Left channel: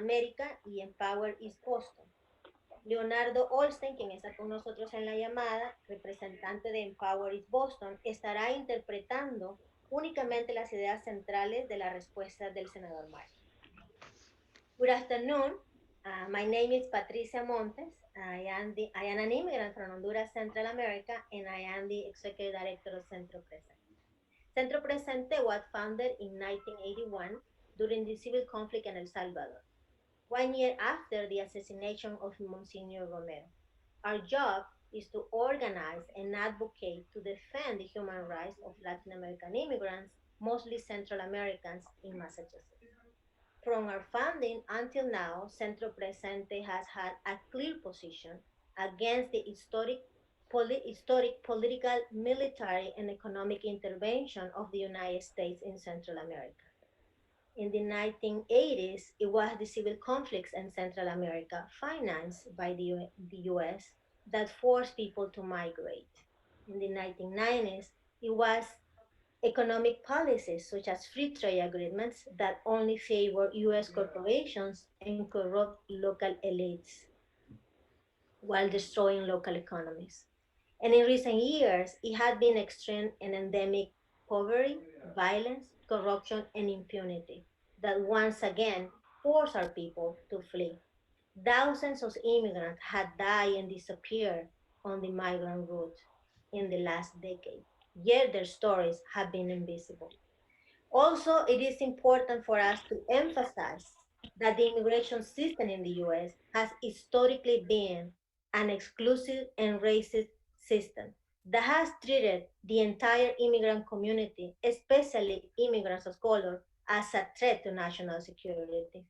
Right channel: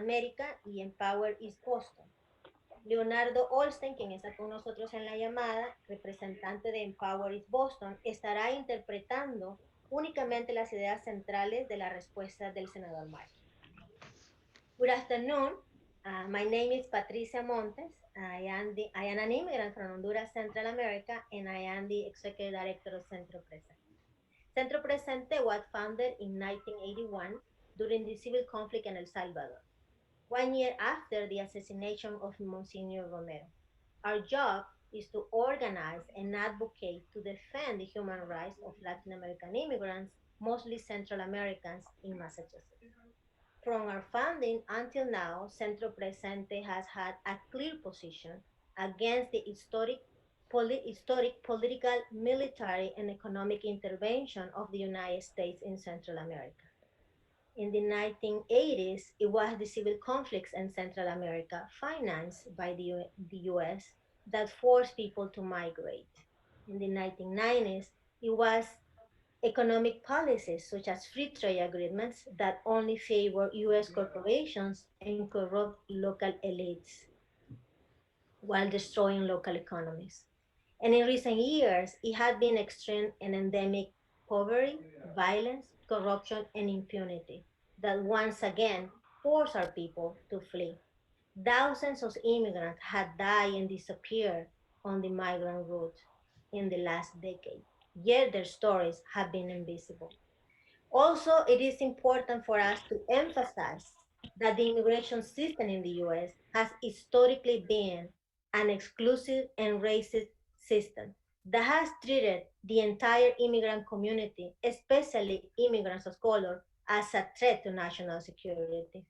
America y Empower East Boston. Leonardo Olsten, quien está con nosotros en la llamada, representante de Empower East Boston, estará interpretando únicamente las ideas centrales de la respuesta del senador Markey. Good afternoon. My name is Patricia Montes. I am an immigrant from Honduras, Central America, and I am the Executive Director of Centro Presente. Centro Presente was founded in 1981 during the civil conflict in El Salvador, 1 year after the assassination of Monsignor Romero. Our job is to organize and advocate to defend the human rights of Latin American immigrants, mostly Central Americans, in Massachusetts. From our founding until now, Centro Presente has had a clear position against the historic political, military, and economic intervention of the United States in Central America. In the 1980s, it was the civil conflicts in Central America, financed by the US, that forced people to migrate. In the 1990s, it was economic policies such as free trade agreements that only favor US corporations and corrupt local elites while destroying local economies. And in recent years, it had been extreme and endemic poverty, violence, corruption, and impunity that once again forced our people to flee. Thousands of immigrants had died and disappeared on the migrant route in the last decade, yet their stories have been invisible. Also, it is important for us to emphasize that the immigration system in the US has historically been an exclusive and racist system that has treated the entire immigrant community, especially immigrants of color, as a threat to national security.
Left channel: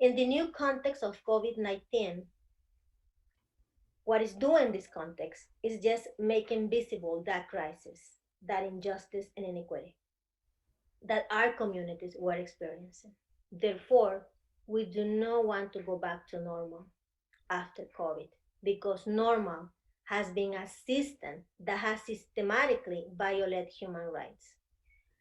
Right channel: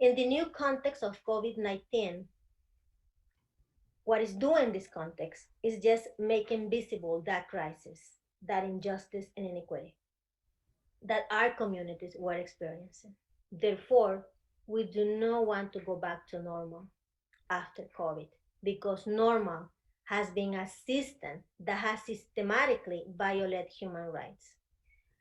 In the new context of COVID 19, what is doing this context is just making visible that crisis, that injustice and inequity that our communities were experiencing. Therefore, we do not want to go back to normal after COVID because normal has been a system that has systematically violated human rights.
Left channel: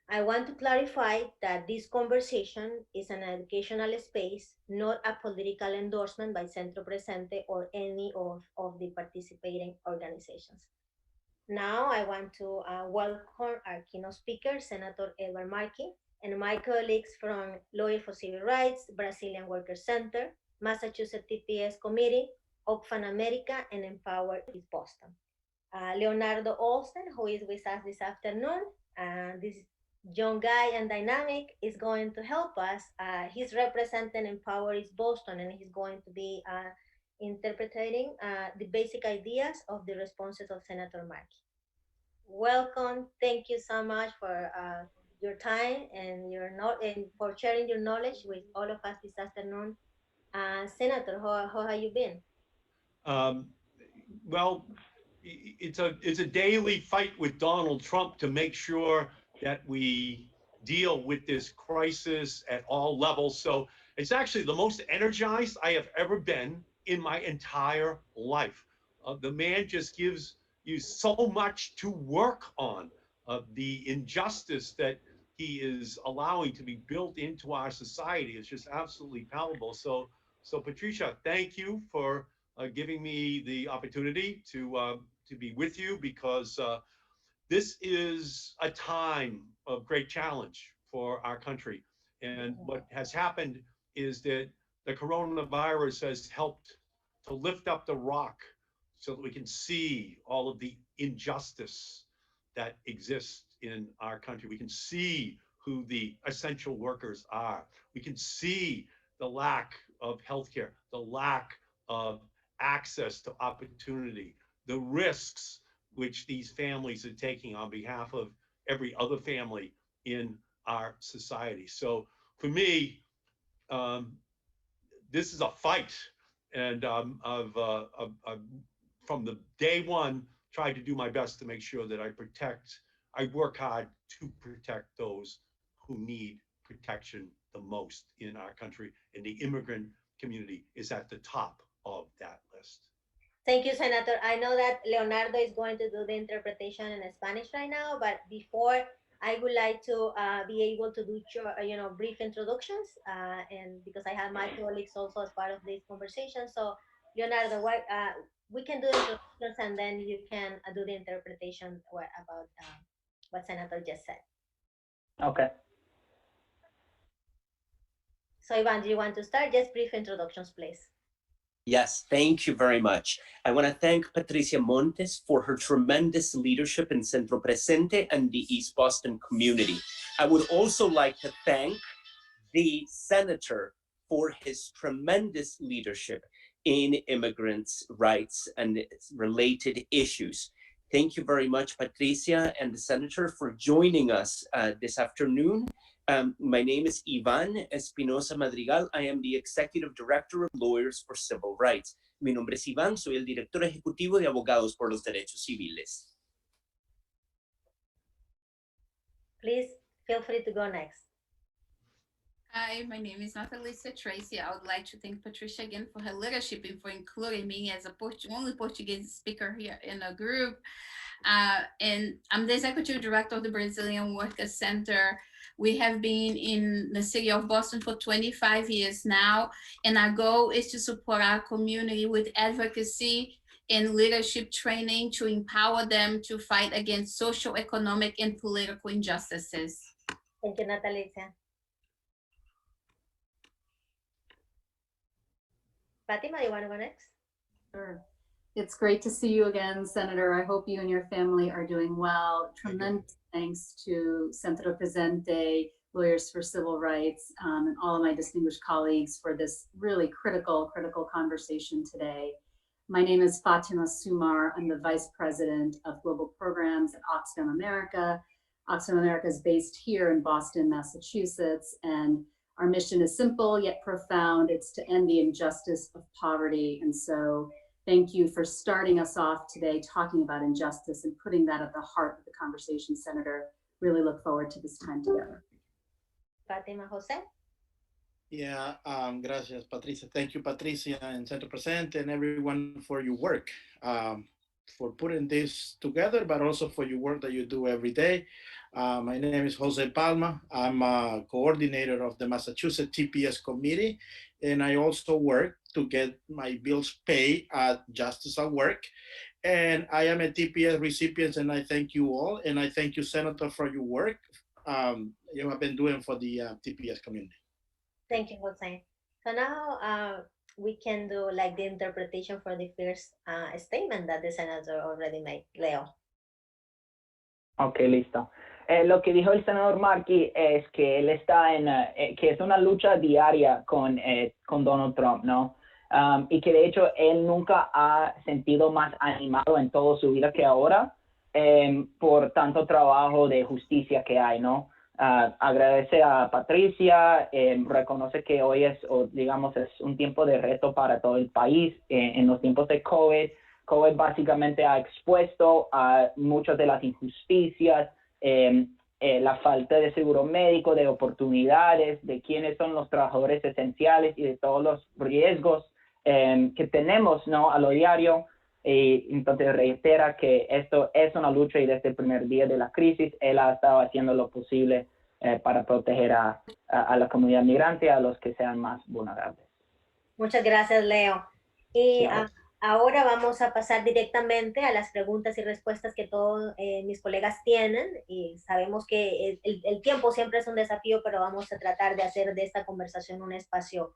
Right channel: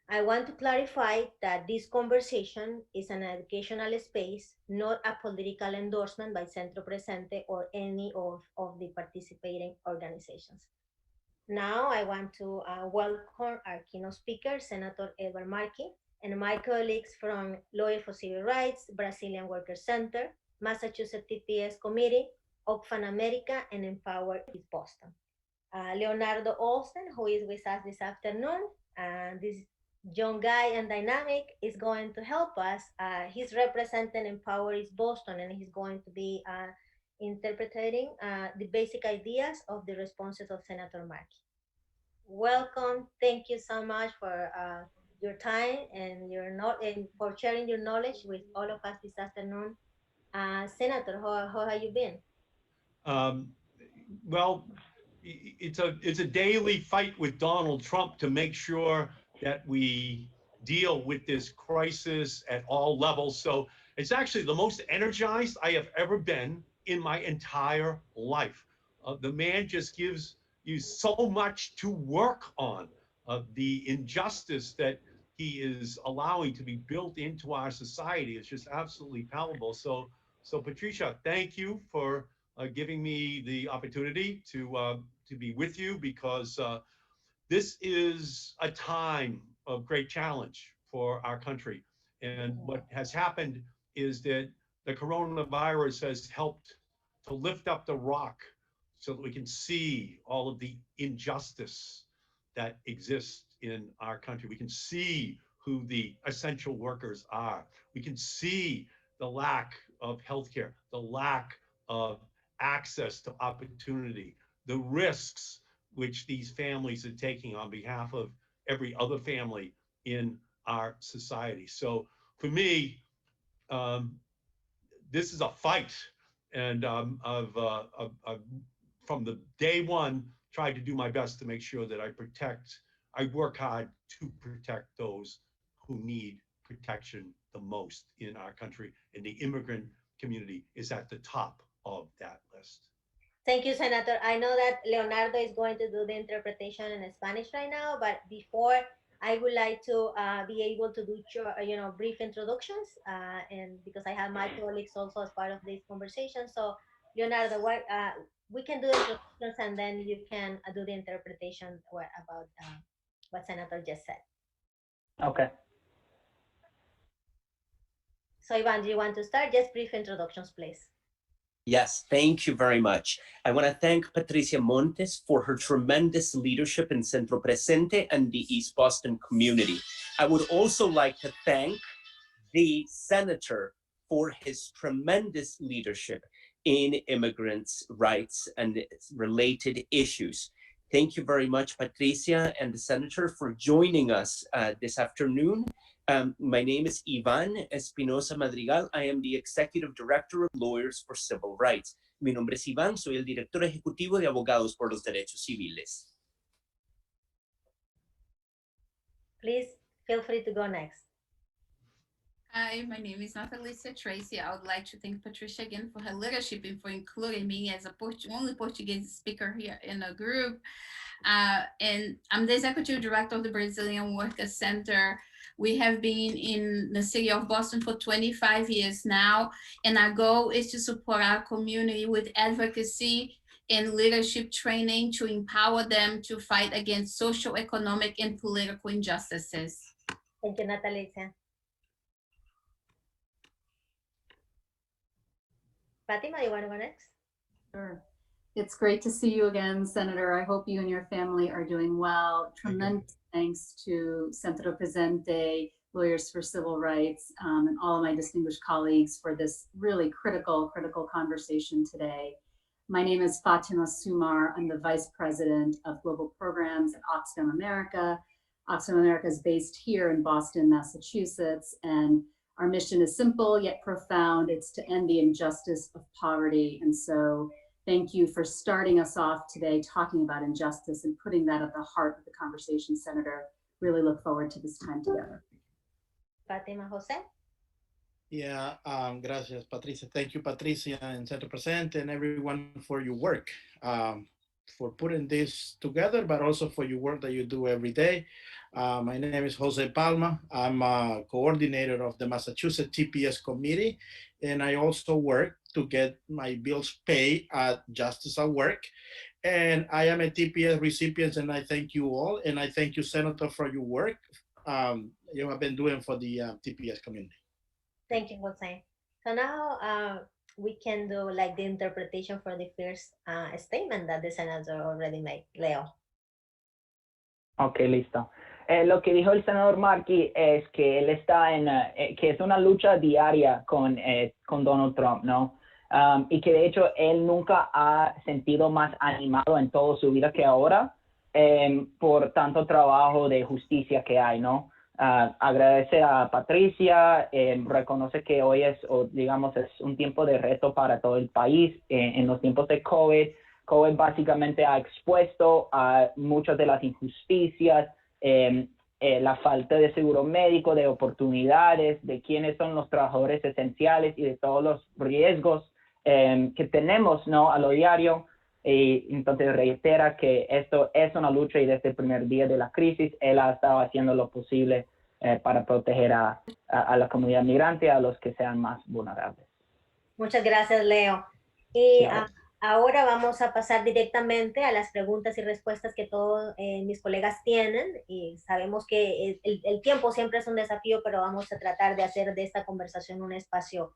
I want to clarify that this conversation is an educational space, not a political endorsement by Centro Presente or any of the participating organizations. Now I want to welcome our keynote speaker, Senator Edward Markey, and my colleagues from Lawyer for Civil Rights, Brazilian Workers Center, Massachusetts TPS Committee, Oxfam America, and Empower East Boston. Leonardo Olsen, who is with us this afternoon, and this young guy and dynamic is going to help us. He's representing Empower East Boston, and he's going to be interpreting the basic ideas of the responses of Senator Markey. Welcome. Thank you so much for your time and and for sharing your knowledge with all of us this afternoon. Senator, how have you been? Um, well, it's a daily fight with Donald Trump to make sure that we deal with this crisis at all levels. So it's actually the most energized I have ever been in my entire life. The man just gives you so much to work on. The injustice that he is allowing to be built into our society is just absolutely palpable. So Patricia, thank you for giving me the opportunity to be with you because this is a time of great challenge for our country. And what has happened is that the coronavirus has helped to lift up the rock so that we can see all of the injustice that exists in our country. We can see who the essential workers are. We can see the lack of healthcare, the lack of access to opportunity, the risks which these families are taking on behalf of every other family in our society. So for me, um, this is a fight, and I've from the day one tried to do my best to make sure that I work hard to protect those who need protection the most in our country, and the immigrant community is at the top of that list. Thank you, Senator. I know that Leonardo is going to do the interpretation in Spanish right now, but before I would like to be able to do brief introductions, and because I have my colleagues also as part of this conversation. So, Leonardo, we can do introductions, and then you can do the interpretation about what Senator just said. Okay. So, Ivan, do you want to start? Just brief introductions, please. Yes, thank you very much. I want to thank Patricia Montes for her tremendous leadership in Centro Presente and the East Boston community. I would also like to thank the senator for his tremendous leadership in immigrants' rights and related issues. Thank you very much, Patricia and the senator, for joining us this afternoon. My name is Ivan Espinosa Madrigal. I am the Executive Director of Lawyers for Civil Rights. Mi nombre es Iván, soy el Director Ejecutivo de Abogados por los Derechos Civiles. Please feel free to go next. Hi, my name is Natalisa Tracy. I would like to thank Patricia again for her leadership and for including me as a only Portuguese speaker here in the group. And I'm the Executive Director of the Brazilian Workers Center. We have been in the city of Boston for 25 years now, and our goal is to support our community with advocacy and leadership training to empower them to fight against social, economic, and political injustices. Thank you, Natalisa. Fatima, you want to go next? Sure. It's great to see you again, Senator. I hope you and your family are doing well. Tremendous thanks to Centro Presente, Lawyers for Civil Rights, and all of my distinguished colleagues for this really critical conversation today. My name is Fatima Sumar. I'm the Vice President of Global Programs at Oxfam America. Oxfam America is based here in Boston, Massachusetts, and our mission is simple yet profound. It's to end the injustice of poverty. And so thank you for starting us off today talking about injustice and putting that at the heart of the conversation, Senator. Really look forward to this time together. Fatima Jose? Yeah, gracias, Patricia. Thank you, Patricia and Centro Presente and everyone for your work, for putting this together, but also for your work that you do every day. My name is Jose Palma. I'm a coordinator of the Massachusetts TPS committee, and I also work to get my bills paid at Justice at Work. And I am a TPS recipient, and I thank you all. And I thank you, Senator, for your work you have been doing for the TPS community. Thank you, Jose. So now we can do like the interpretation for the first statement that the senator already made. Leo. Ok, listo. Lo que dijo el senador Markey es que él está que es una lucha diaria con Donald Trump, ¿no? Y que de hecho él nunca ha sentido más animado en toda su vida que ahora por tanto trabajo de justicia que hay, ¿no? Agradece a Patricia, reconoce que hoy es un tiempo de reto para todo el país en los tiempos de COVID. COVID básicamente ha expuesto a muchas de las injusticias, la falta de seguro médico, de oportunidades, de quiénes son los trabajadores esenciales y de todos los riesgos que tenemos, ¿no? A lo diario. Y entonces reitera que esto es una lucha y desde el primer día de la crisis él ha estado haciendo lo posible para proteger a la comunidad migrante, a los que sean más vulnerables. Muchas gracias, Leo. Y ahora vamos a pasar directamente a las preguntas y respuestas que todos mis colegas tienen. Y sabemos que el tiempo siempre es un desafío, pero vamos a tratar de hacer de esta conversación un espacio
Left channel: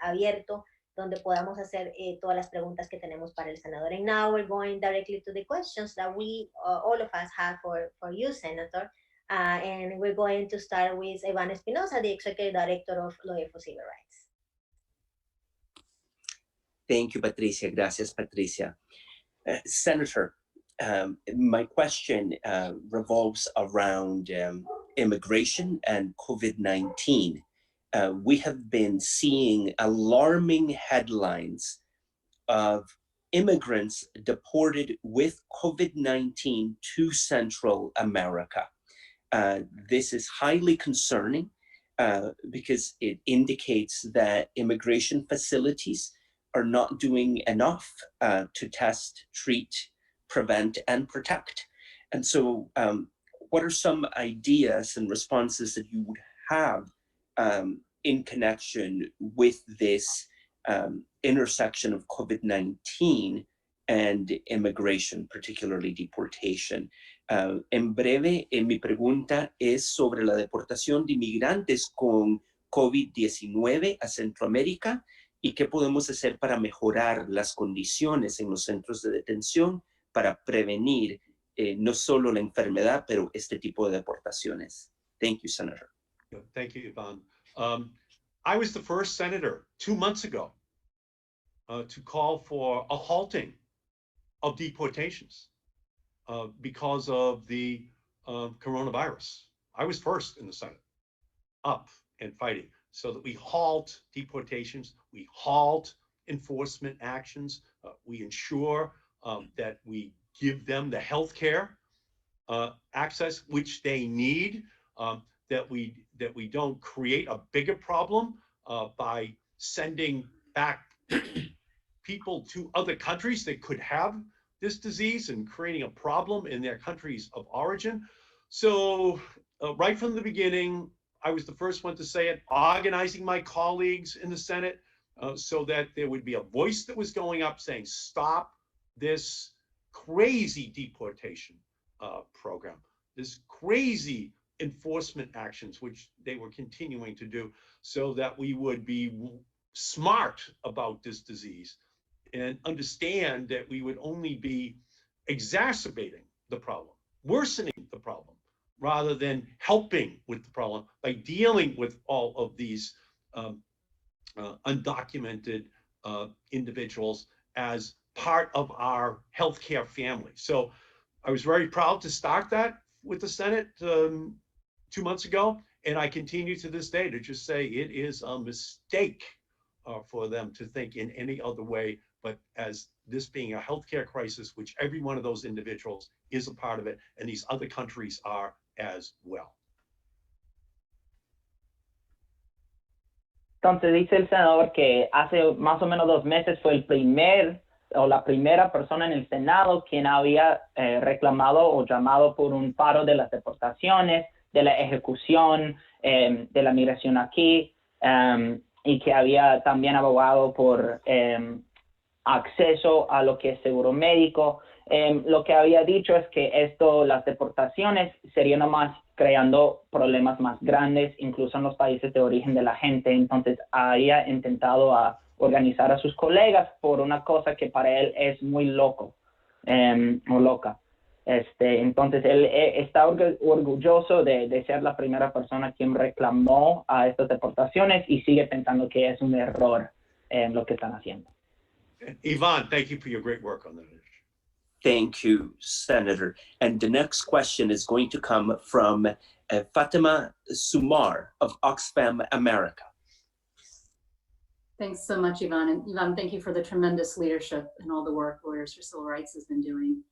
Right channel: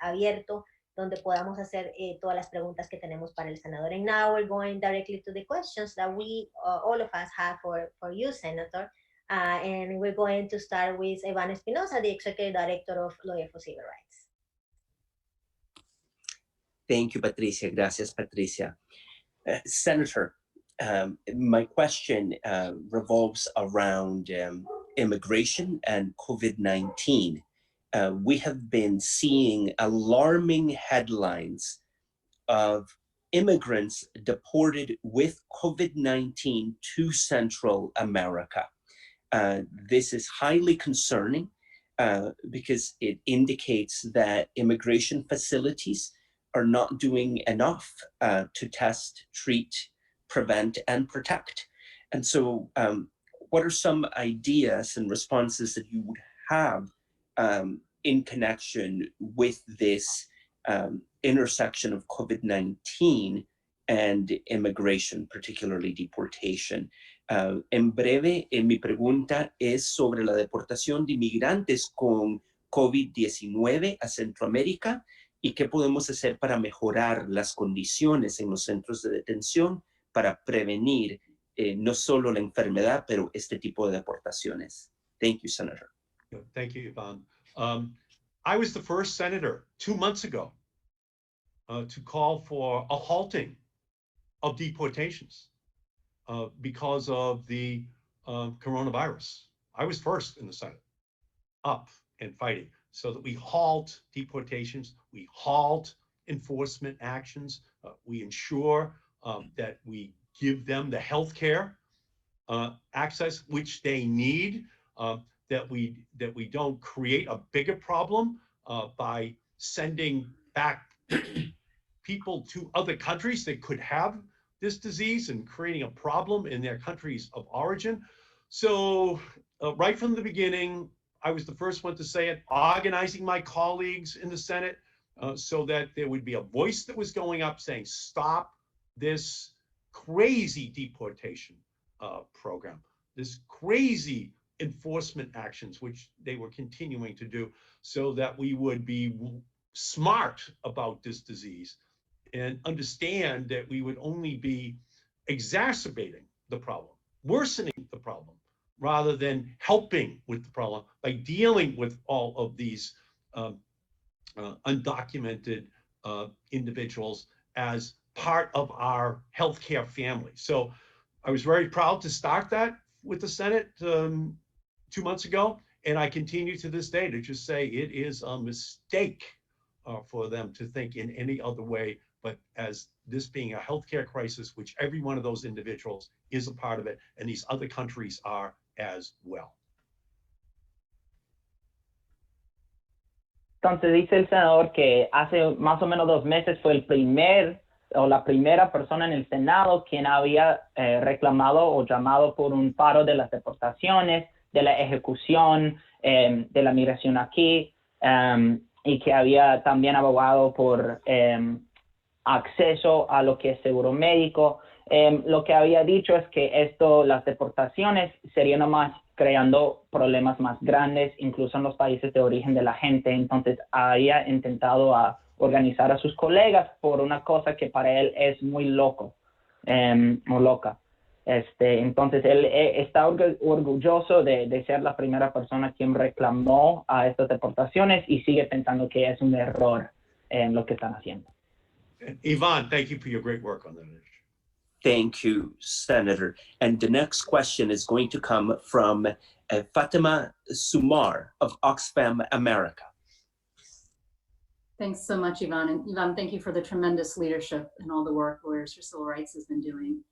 abierto donde podamos hacer todas las preguntas que tenemos para el senador. And now we're going directly to the questions that we, all of us have for you, Senator. And we're going to start with Ivan Espinosa, the Executive Director of Lawyers for Civil Rights. Thank you, Patricia. Gracias, Patricia. Senator, my question revolves around immigration and COVID-19. We have been seeing alarming headlines of immigrants deported with COVID-19 to Central America. This is highly concerning because it indicates that immigration facilities are not doing enough to test, treat, prevent, and protect. And so what are some ideas and responses that you would have in connection with this intersection of COVID-19 and immigration, particularly deportation? En breve, mi pregunta es sobre la deportación de inmigrantes con COVID-19 a Centroamérica y qué podemos hacer para mejorar las condiciones en los centros de detención para prevenir no solo la enfermedad, pero este tipo de deportaciones. Thank you, Senator. Thank you, Ivan. I was the first senator 2 months ago to call for a halting of deportations because of the coronavirus. I was first in the Senate, up and fighting, so that we halt deportations, we halt enforcement actions, we ensure that we give them the health care access which they need, that we don't create a bigger problem by sending back people to other countries that could have this disease and creating a problem in their countries of origin. So right from the beginning, I was the first one to say it, organizing my colleagues in the Senate so that there would be a voice that was going up saying, stop this crazy deportation program, this crazy enforcement actions, which they were continuing to do, so that we would be smart about this disease and understand that we would only be exacerbating the problem, worsening the problem, rather than helping with the problem by dealing with all of these undocumented individuals as part of our healthcare family. So I was very proud to start that with the Senate 2 months ago, and I continue to this day to just say it is a mistake for them to think in any other way, but as this being a healthcare crisis, which every one of those individuals is a part of it, and these other countries are as well. Entonces dice el senador que hace más o menos 2 meses fue la primera persona en el Senado quien había reclamado o llamado por un paro de las deportaciones, de la ejecución, de la migración aquí, y que había también abogado por acceso a lo que es seguro médico. Lo que había dicho es que las deportaciones serían nomás creando problemas más grandes, incluso en los países de origen de la gente. Entonces había intentado organizar a sus colegas por una cosa que para él es muy loco o loca. Entonces él está orgulloso de ser la primera persona quien reclamó a estas deportaciones y sigue pensando que es un error en lo que están haciendo. Ivan, thank you for your great work on that issue. Thank you, Senator. And the next question is going to come from Fatima Sumar of Oxfam America. Thanks so much, Ivan. And Ivan, thank you for the tremendous leadership and all the work Lawyers for Civil Rights has been doing.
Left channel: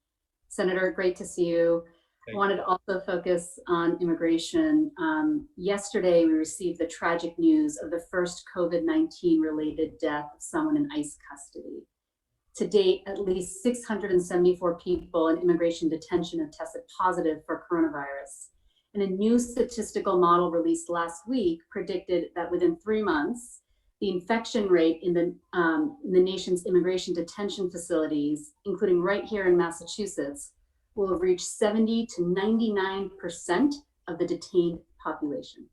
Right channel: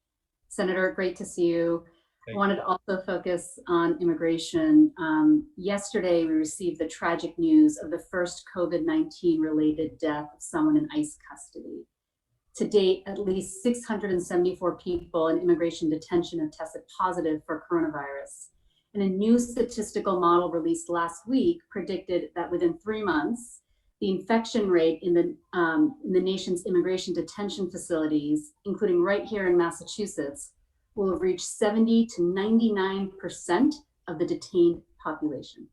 Senator, great to see you. I wanted to also focus on immigration. Yesterday, we received the tragic news of the first COVID-19 related death of someone in ICE custody. To date, at least 674 people in immigration detention have tested positive for coronavirus. And a new statistical model released last week predicted that within 3 months, the infection rate in the nation's immigration detention facilities, including right here in Massachusetts, will have reached 70 to 99% of the detained population.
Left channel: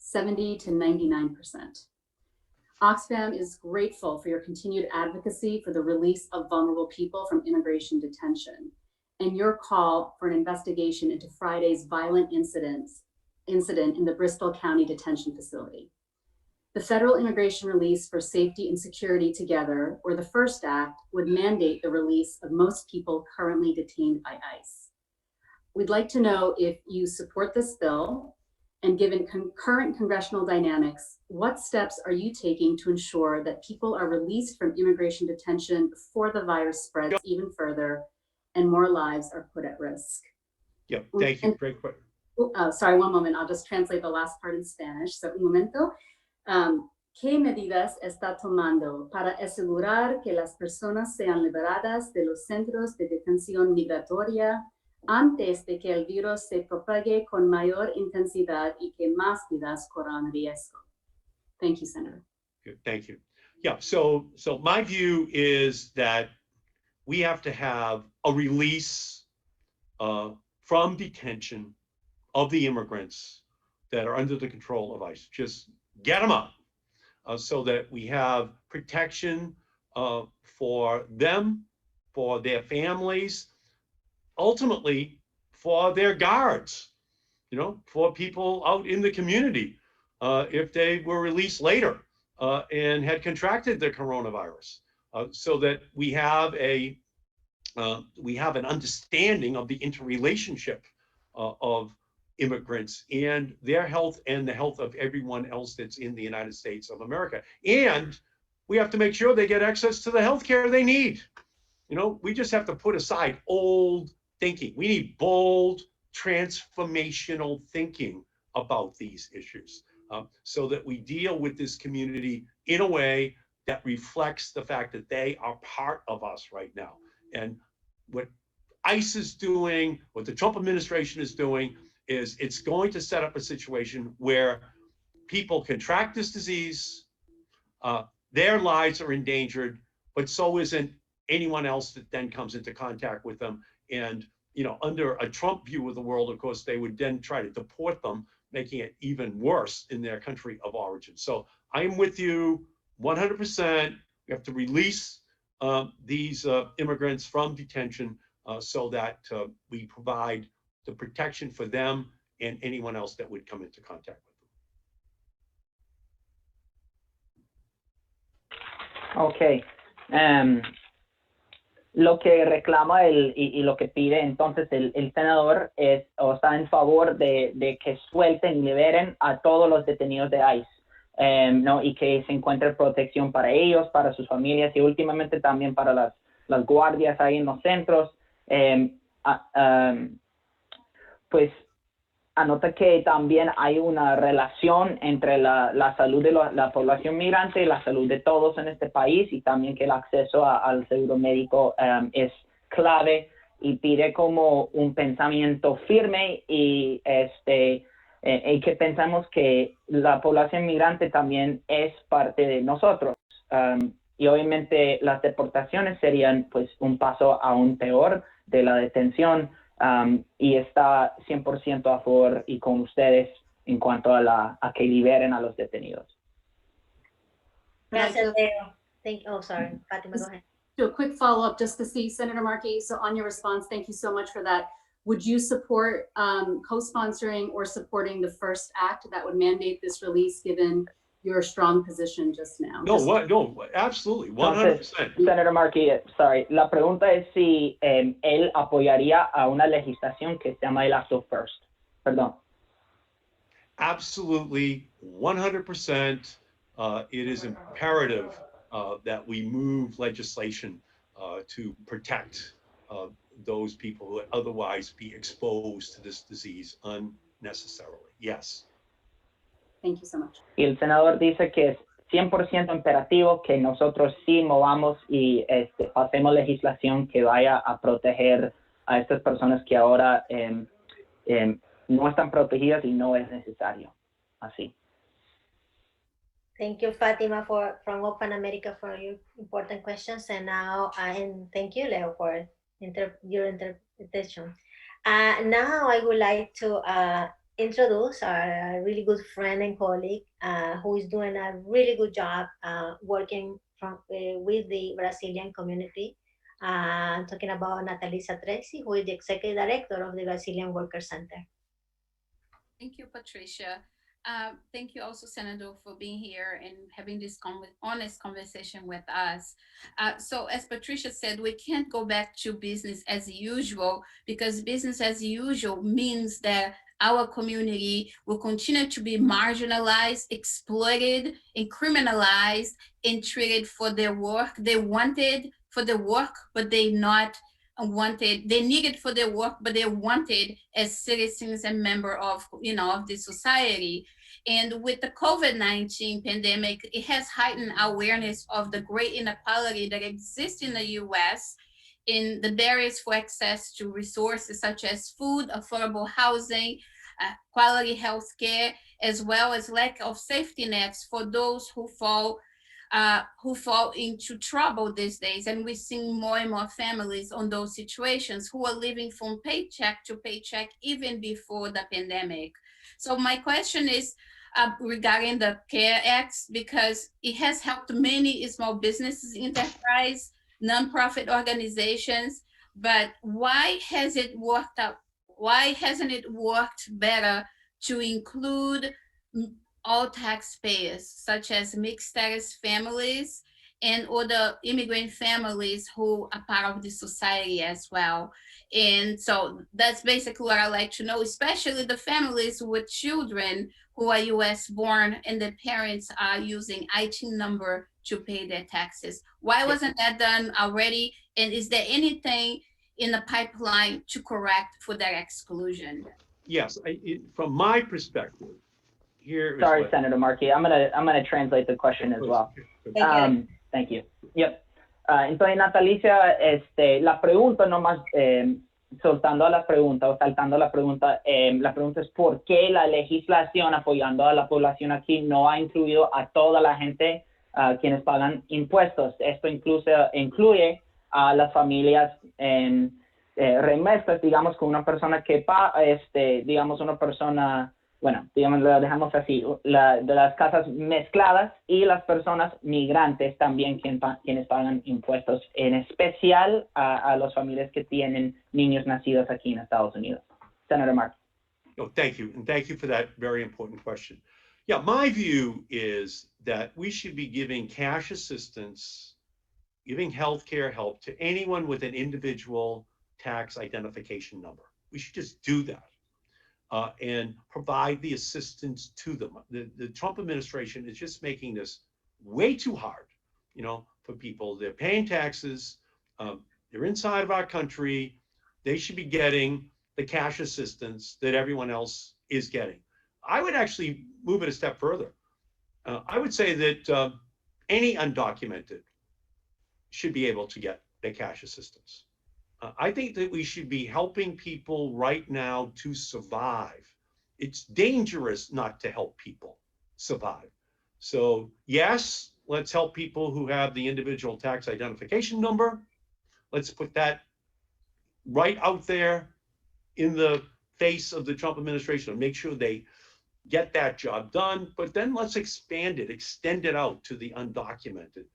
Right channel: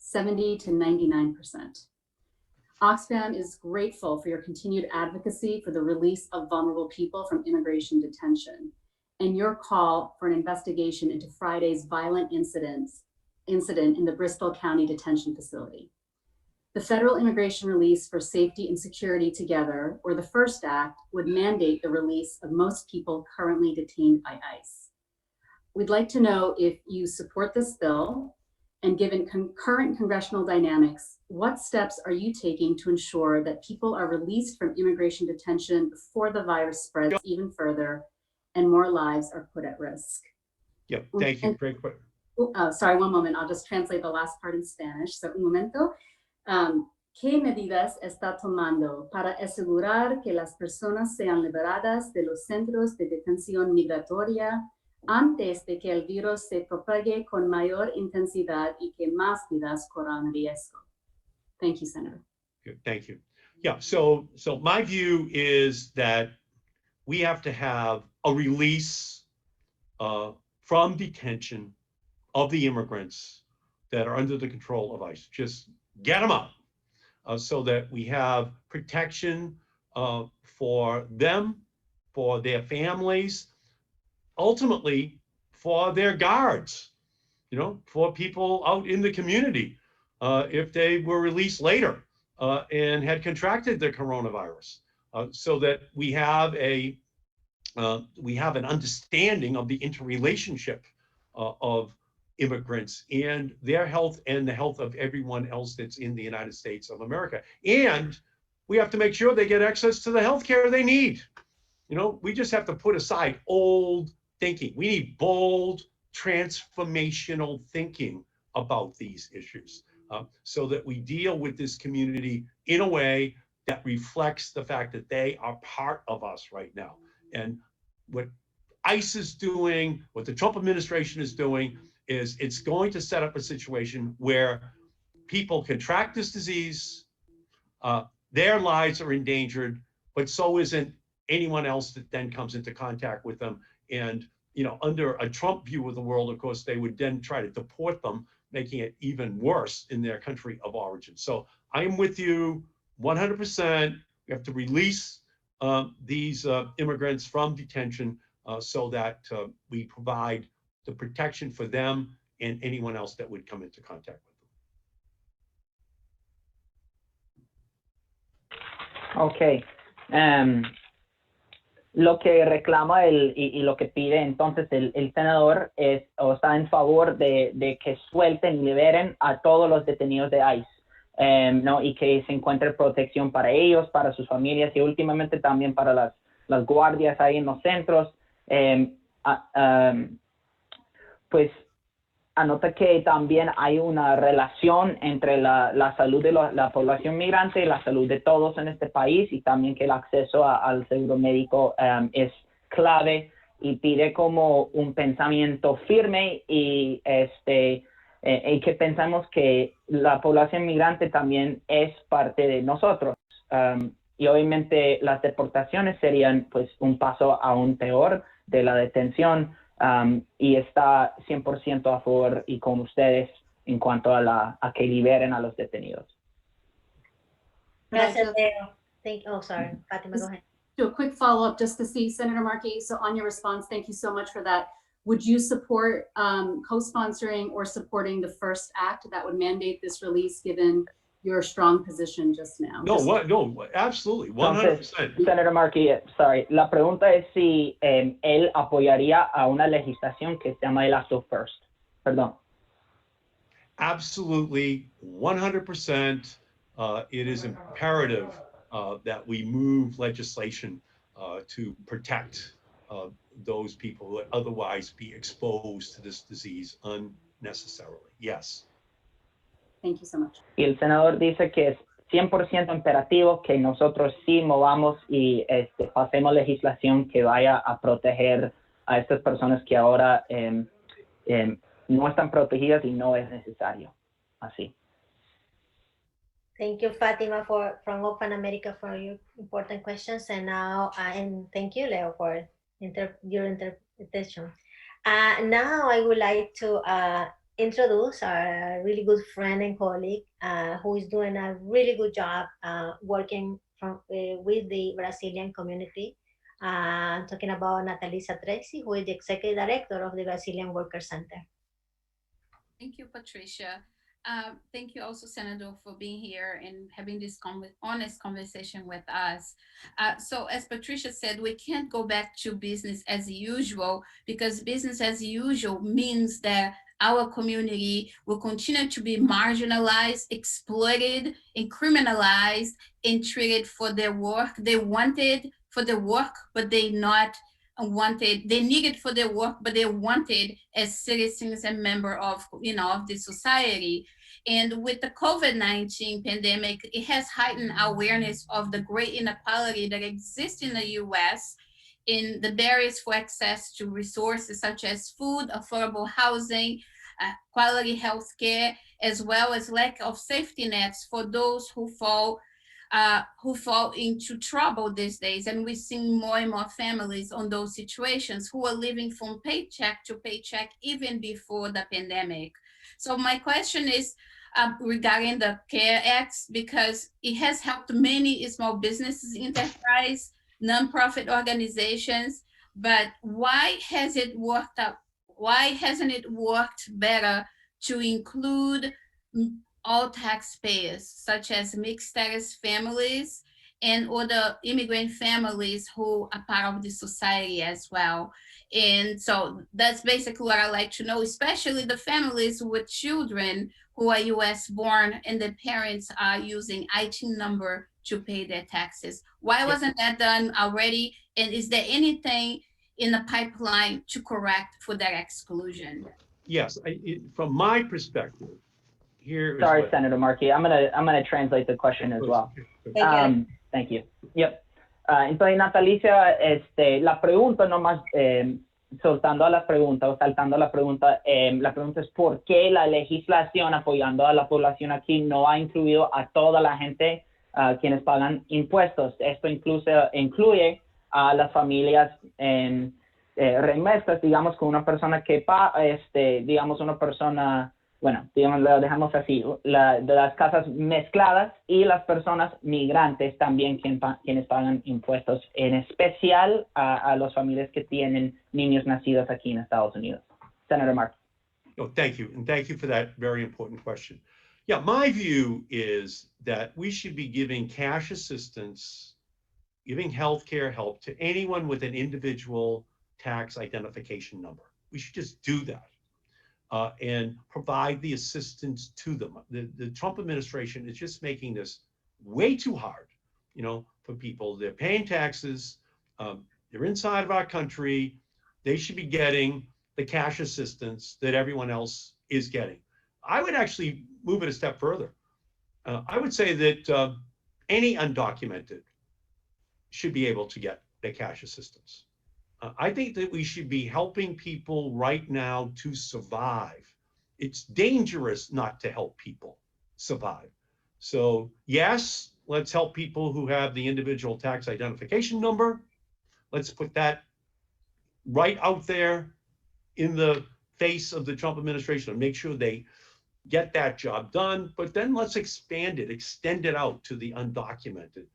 70 to 99%. Oxfam is grateful for your continued advocacy for the release of vulnerable people from immigration detention and your call for an investigation into Friday's violent incident in the Bristol County Detention Facility. The Federal Immigration Release for Safety and Security Together, or the FIRST Act, would mandate the release of most people currently detained by ICE. We'd like to know if you support this bill, and given current congressional dynamics, what steps are you taking to ensure that people are released from immigration detention before the virus spreads even further and more lives are put at risk? Yeah, thank you. Great question. Sorry, one moment. I'll just translate the last part in Spanish. So, un momento. ¿Qué medidas está tomando para asegurar que las personas sean liberadas de los centros de detención migratoria antes de que el virus se propague con mayor intensidad y que más vidas corran riesgo. Thank you, Senator. Good, thank you. Yeah, so my view is that we have to have a release from detention of the immigrants that are under the control of ICE. Just get them up so that we have protection for them, for their families, ultimately for their guards, you know, for people out in the community if they were released later and had contracted the coronavirus, so that we have an understanding of the interrelationship of immigrants and their health and the health of everyone else that's in the United States of America. And we have to make sure they get access to the health care they need. You know, we just have to put aside old thinking. We need bold, transformational thinking about these issues so that we deal with this community in a way that reflects the fact that they are part of us right now. And what ICE is doing, what the Trump administration is doing, is it's going to set up a situation where people contract this disease, their lives are endangered, but so isn't anyone else that then comes into contact with them. And, you know, under a Trump view of the world, of course, they would then try to deport them, making it even worse in their country of origin. So I'm with you 100%. We have to release these immigrants from detention so that we provide the protection for them and anyone else that would come into contact with them. Okay. Lo que reclama y lo que pide entonces el senador es, o está en favor de que suelten y liberen a todos los detenidos de ICE, ¿no? Y que se encuentre protección para ellos, para sus familias y últimamente también para las guardias ahí en los centros. Pues anota que también hay una relación entre la salud de la población migrante y la salud de todos en este país, y también que el acceso al seguro médico es clave, y pide como un pensamiento firme y que pensamos que la población migrante también es parte de nosotros. Y obviamente las deportaciones serían pues un paso aún peor de la detención. Y está 100% a favor y con ustedes en cuanto a que liberen a los detenidos. Gracias, Leo. Oh, sorry, Fatima, go ahead. Do a quick follow-up just to see, Senator Markey, so on your response, thank you so much for that. Would you support co-sponsoring or supporting the first act that would mandate this release, given your strong position just now? No, absolutely, 100%. Senator Markey, sorry, la pregunta es si él apoyaría a una legislación que se llama el Act of First. Perdón. Absolutely, 100%. It is imperative that we move legislation to protect those people who would otherwise be exposed to this disease unnecessarily. Yes. Thank you so much. Y el senador dice que es 100% imperativo que nosotros sí movamos y pasemos legislación que vaya a proteger a estas personas que ahora no están protegidas y no es necesario. Así. Thank you, Fatima, from Open America for your important questions, and now and thank you, Leo, for your interpretation. Now I would like to introduce our really good friend and colleague who is doing a really good job working with the Brazilian community. I'm talking about Natalisa Tracy, who is the Executive Director of the Brazilian Worker Center. Thank you, Patricia. Thank you also, Senator, for being here and having this honest conversation with us. So as Patricia said, we can't go back to business as usual, because business as usual means that our community will continue to be marginalized, exploited, and criminalized, and treated for their work. They wanted for the work, but they not wanted. They needed for their work, but they wanted as citizens and member of, of the society. And with the COVID-19 pandemic, it has heightened awareness of the great inequality that exists in the U.S. in the barriers for access to resources such as food, affordable housing, quality health care, as well as lack of safety nets for those who fall into trouble these days. And we're seeing more and more families on those situations who are living from paycheck to paycheck even before the pandemic. So my question is regarding the CARE Act, because it has helped many small businesses, enterprise, nonprofit organizations, but why has it worked out? Why hasn't it worked better to include all taxpayers, such as mixed status families and other immigrant families who are part of the society as well? And so that's basically what I like to know, especially the families with children who are US born and the parents are using IT number to pay their taxes. Why wasn't that done already? And is there anything in the pipeline to correct for that exclusion? Yes, from my perspective, here is Sorry, what, Senator Markey. I'm gonna translate the question as well. Thank you. Yep. Entonces, Natalicia, la pregunta nomás, soltando a la pregunta o saltando la pregunta es por qué la legislación apoyando a la población aquí no ha incluido a toda la gente quienes pagan impuestos. Esto incluye a las familias remesas, digamos, con una persona que digamos, una persona, bueno, digamos, lo dejamos así, de las casas mezcladas y las personas migrantes también quienes pagan impuestos, en especial a las familias que tienen niños nacidos aquí en Estados Unidos. Senator Markey. Oh, thank you. And thank you for that very important question. Yeah, my view is that we should be giving cash assistance, giving healthcare help to anyone with an individual tax identification number. We should just do that. And provide the assistance to them. The Trump administration is just making this way too hard, you know, for people. They're paying taxes, they're inside of our country, they should be getting the cash assistance that everyone else is getting. I would actually move it a step further. I would say that any undocumented should be able to get the cash assistance. I think that we should be helping people right now to survive. It's dangerous not to help people survive. So yes, let's help people who have the individual tax identification number. Let's put that right out there in the face of the Trump administration and make sure they get that job done. But then let's expand it, extend it out to the undocumented.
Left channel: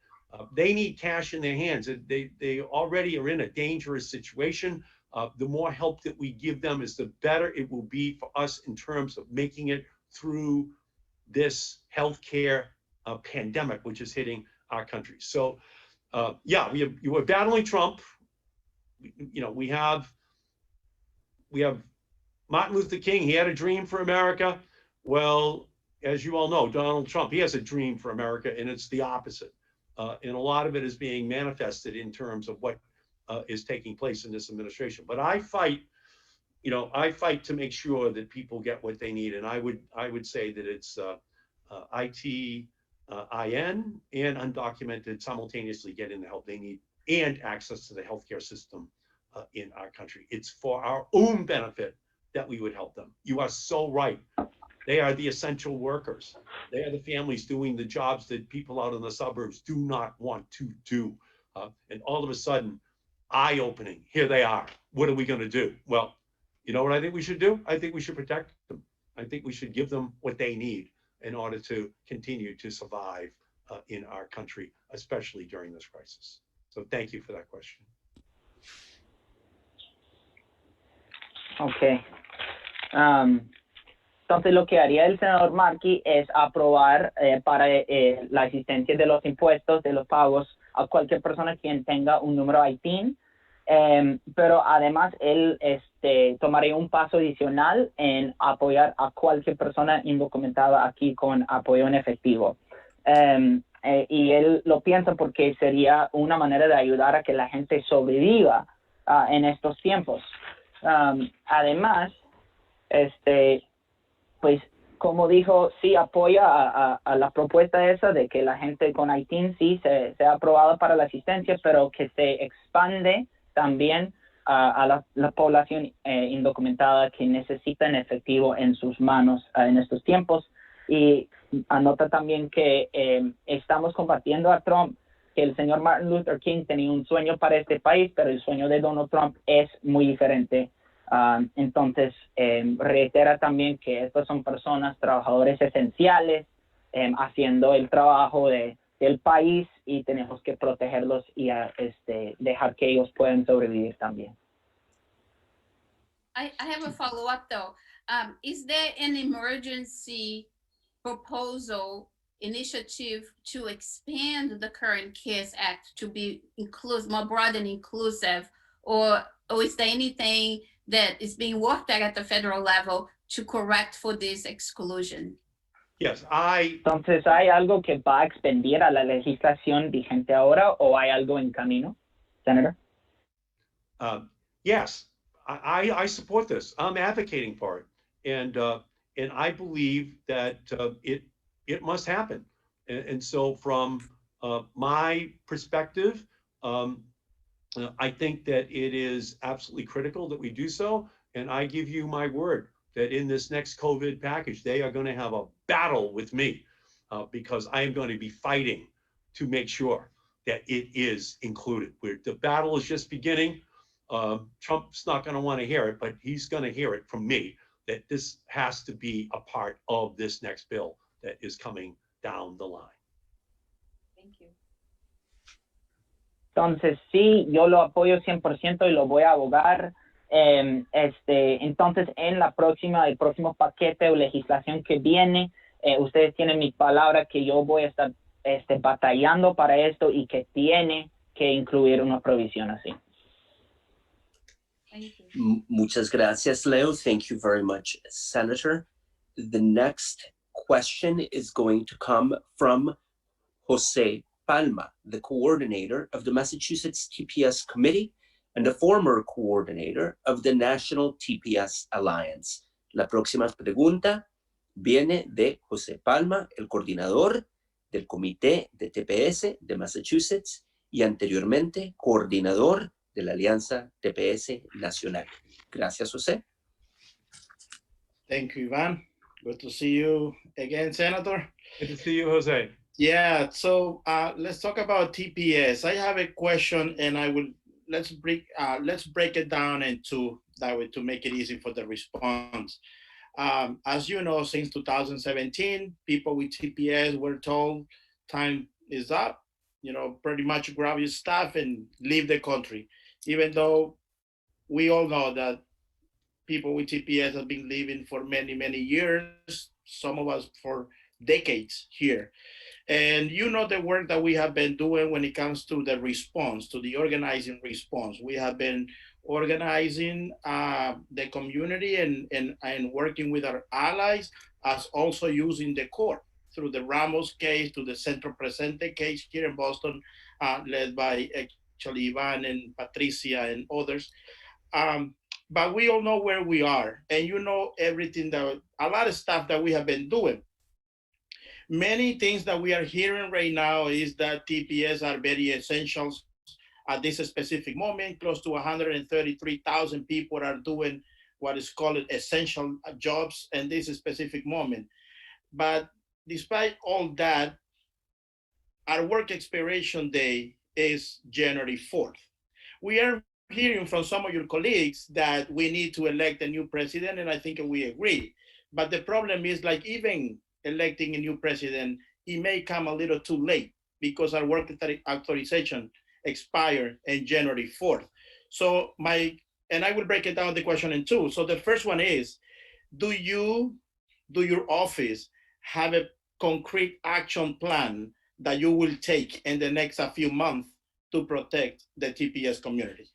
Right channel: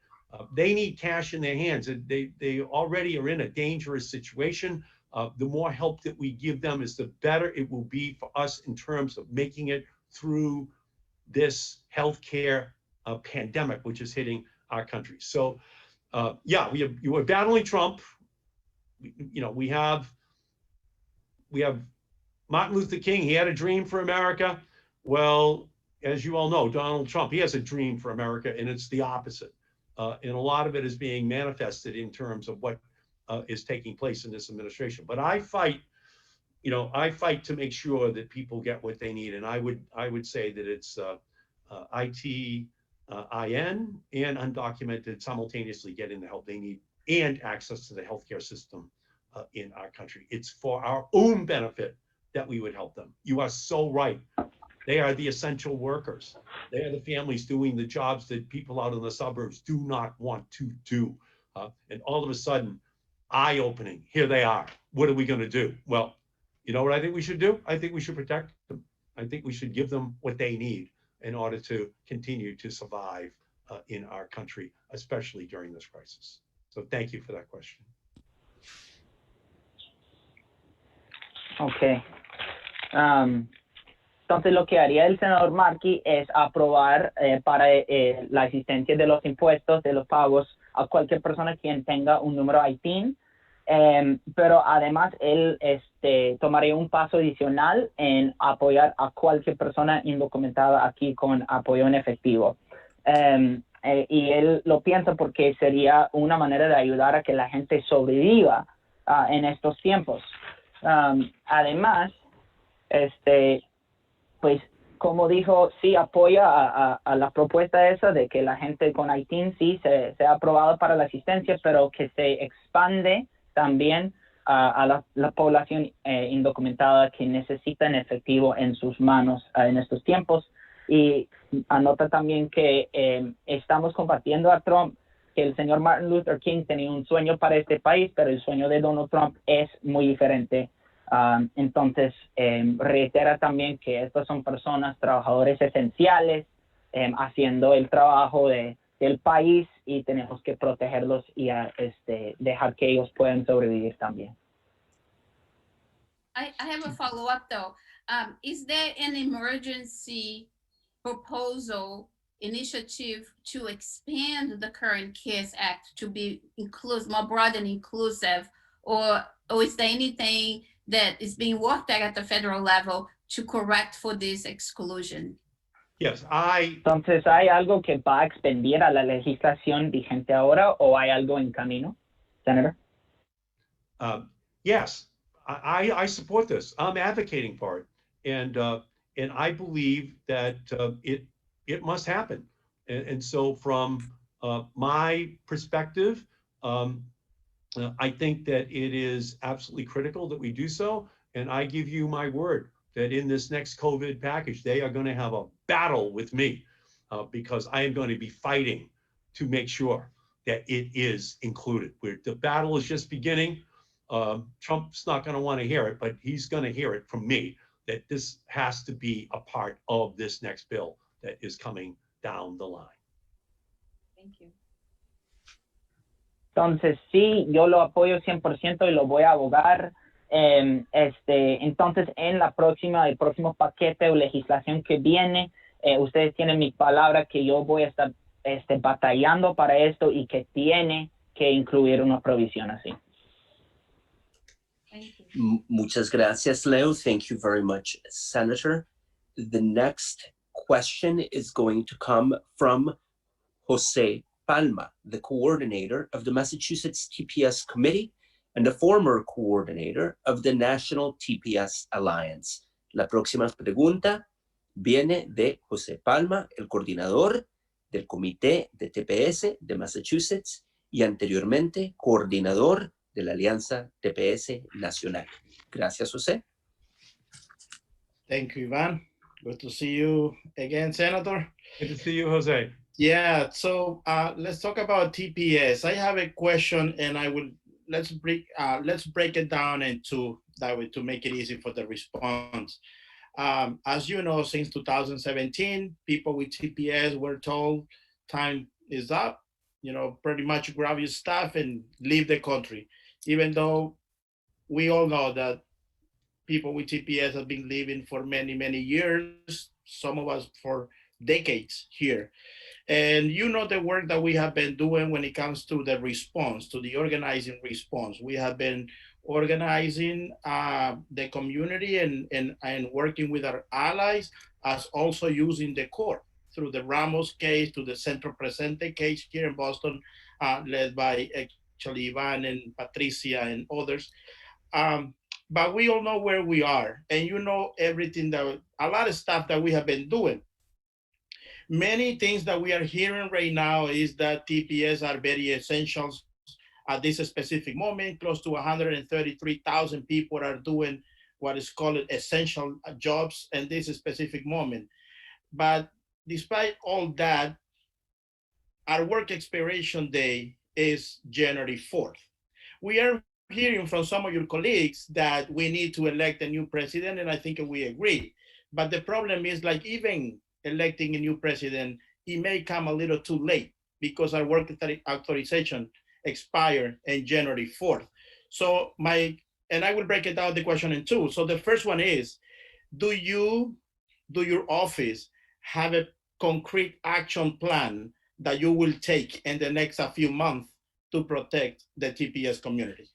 They need cash in their hands. They already are in a dangerous situation. The more help that we give them is the better it will be for us in terms of making it through this healthcare pandemic, which is hitting our country. So yeah, you were battling Trump. You know, we have Martin Luther King. He had a dream for America. Well, as you all know, Donald Trump, he has a dream for America, and it's the opposite. And a lot of it is being manifested in terms of what is taking place in this administration. But I fight to make sure that people get what they need. And I would say that it's ITIN and undocumented simultaneously getting the help they need and access to the healthcare system in our country. It's for our own benefit that we would help them. You are so right. They are the essential workers. They are the families doing the jobs that people out in the suburbs do not want to do. And all of a sudden, eye-opening, here they are. What are we going to do? Well, you know what I think we should do? I think we should protect them. I think we should give them what they need in order to continue to survive in our country, especially during this crisis. So thank you for that question. Okay. Entonces, lo que haría el senador Markey es aprobar para la existencia de los impuestos, de los pagos a cualquier persona quien tenga un número ITIN, pero además él tomaría un paso adicional en apoyar a cualquier persona indocumentada aquí con apoyo en efectivo. Y él lo piensa porque sería una manera de ayudar a que la gente sobreviva en estos tiempos. Además, pues como dijo, sí apoya a la propuesta esa de que la gente con ITIN sí sea aprobado para la asistencia, pero que se expande también a la población indocumentada que necesita en efectivo en sus manos en estos tiempos. Y anota también que estamos compartiendo a Trump que el señor Martin Luther King tenía un sueño para este país, pero el sueño de Donald Trump es muy diferente. Entonces, reitera también que estas son personas, trabajadores esenciales, haciendo el trabajo del país y tenemos que protegerlos y dejar que ellos puedan sobrevivir también. I have a follow-up though. Is there an emergency proposal initiative to expand the current CARES Act to be more broad and inclusive, or is there anything that is being worked at the federal level to correct for this exclusion? Yes, Entonces, ¿hay algo que va a expandir a la legislación vigente ahora o hay algo en camino, Senator? Yes, I support this. I'm advocating for it, and I believe that it must happen. And so, from my perspective, I think that it is absolutely critical that we do so. And I give you my word that in this next COVID package, they are going to have a battle with me because I am going to be fighting to make sure that it is included. The battle is just beginning. Trump's not going to want to hear it, but he's going to hear it from me that this has to be a part of this next bill that is coming down the line. Thank you. Entonces, sí, yo lo apoyo 100% y lo voy a abogar. Entonces, en el próximo paquete o legislación que viene, ustedes tienen mi palabra que yo voy a estar batallando para esto y que tiene que incluir una provisión así. Thank you. Muchas gracias, Leo. Thank you very much, Senator. The next question is going to come from Jose Palma, the coordinator of the Massachusetts TPS Committee and the former coordinator of the National TPS Alliance. La próxima pregunta viene de José Palma, el coordinador del Comité de TPS de Massachusetts y anteriormente coordinador de la Alianza TPS Nacional. Gracias, José. Thank you, Ivan. Good to see you again, Senator. Good to see you, Jose. Yeah, so let's talk about TPS. I have a question, and let's break it down into that way to make it easy for the response. As you know, since 2017, people with TPS were told time is up. Pretty much grab your stuff and leave the country. Even though we all know that people with TPS have been living for many, many years, some of us for decades here. And the work that we have been doing when it comes to the response, to the organizing response. We have been organizing the community and working with our allies, as also using the court through the Ramos case, to the Centro Presente case here in Boston, led by actually Ivan and Patricia and others. But we all know where we are, and everything a lot of stuff that we have been doing. Many things that we are hearing right now is that TPS are very essential at this specific moment. Close to 133,000 people are doing what is called essential jobs in this specific moment. But despite all that, our work expiration day is January 4th. We are hearing from some of your colleagues that we need to elect a new president, and I think we agree. But the problem is, like, even electing a new president, it may come a little too late because our work authorization expire in January 4th. So and I will break it down the question in two. So the first one is, do your office have a concrete action plan that you will take in the next few months to protect the TPS community?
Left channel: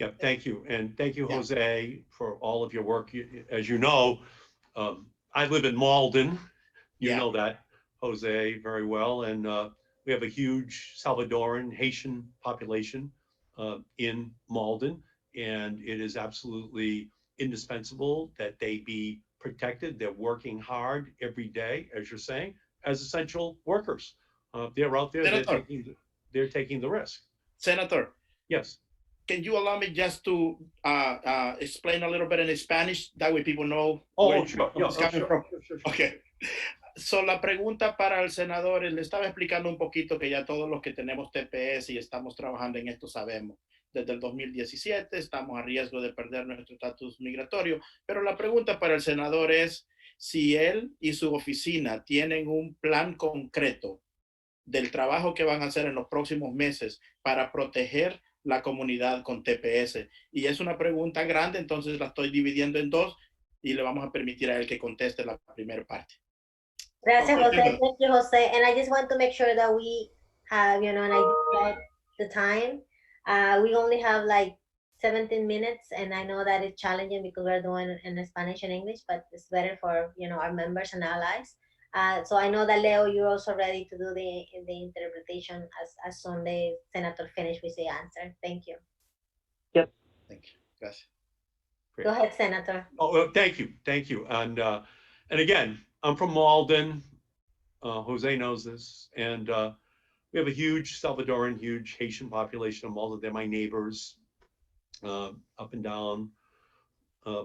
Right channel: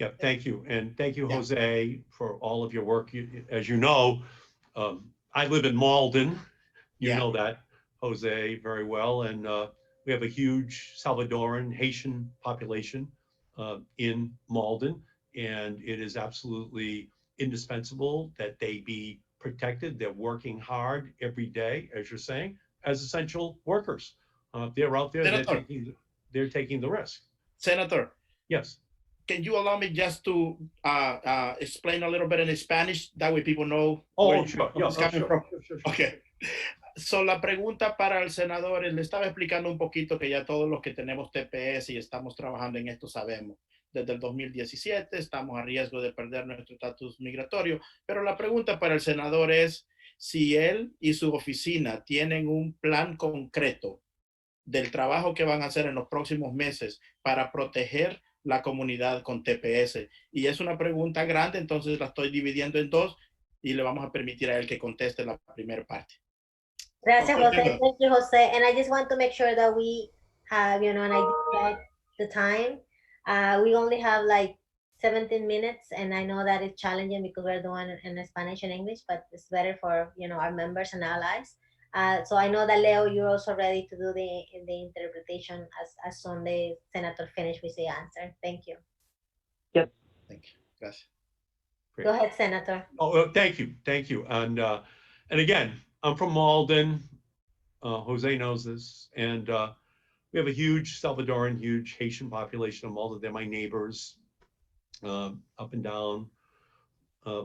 Yeah, thank you. And thank you, Jose, for all of your work. As you know, I live in Malden. You know that, Jose, very well. And we have a huge Salvadoran, Haitian population in Malden. And it is absolutely indispensable that they be protected. They're working hard every day, as you're saying, as essential workers. They're out there, they're taking the risk. Senator. Yes. can you allow me just to explain a little bit in Spanish? That way people know Oh, where sure. Yeah, it's coming from. Sure. Okay. So, la pregunta para el senador, le estaba explicando un poquito que ya todos los que tenemos TPS y estamos trabajando en esto sabemos. Desde el 2017 estamos a riesgo de perder nuestro estatus migratorio, pero la pregunta para el senador es si él y su oficina tienen un plan concreto del trabajo que van a hacer en los próximos meses para proteger la comunidad con TPS. Y es una pregunta grande, entonces la estoy dividiendo en dos y le vamos a permitir a él que conteste la primera parte. Gracias, Okay, Jose. Thank you, Jose. And I just want to make sure that we have, and I did check the time. We only have like 17 minutes, and I know that it's challenging because we're doing it in Spanish and English, but it's better for, our members and allies. So I know that Leo, you're also ready to do the interpretation as soon the senator finish with the answer. Thank you. Yep. Thank you. Gracias. Great. Go ahead, Senator. Oh, thank you. And again, I'm from Malden. Jose knows this, and we have a huge Salvadoran, huge Haitian population of Malden. They're my neighbors, up and down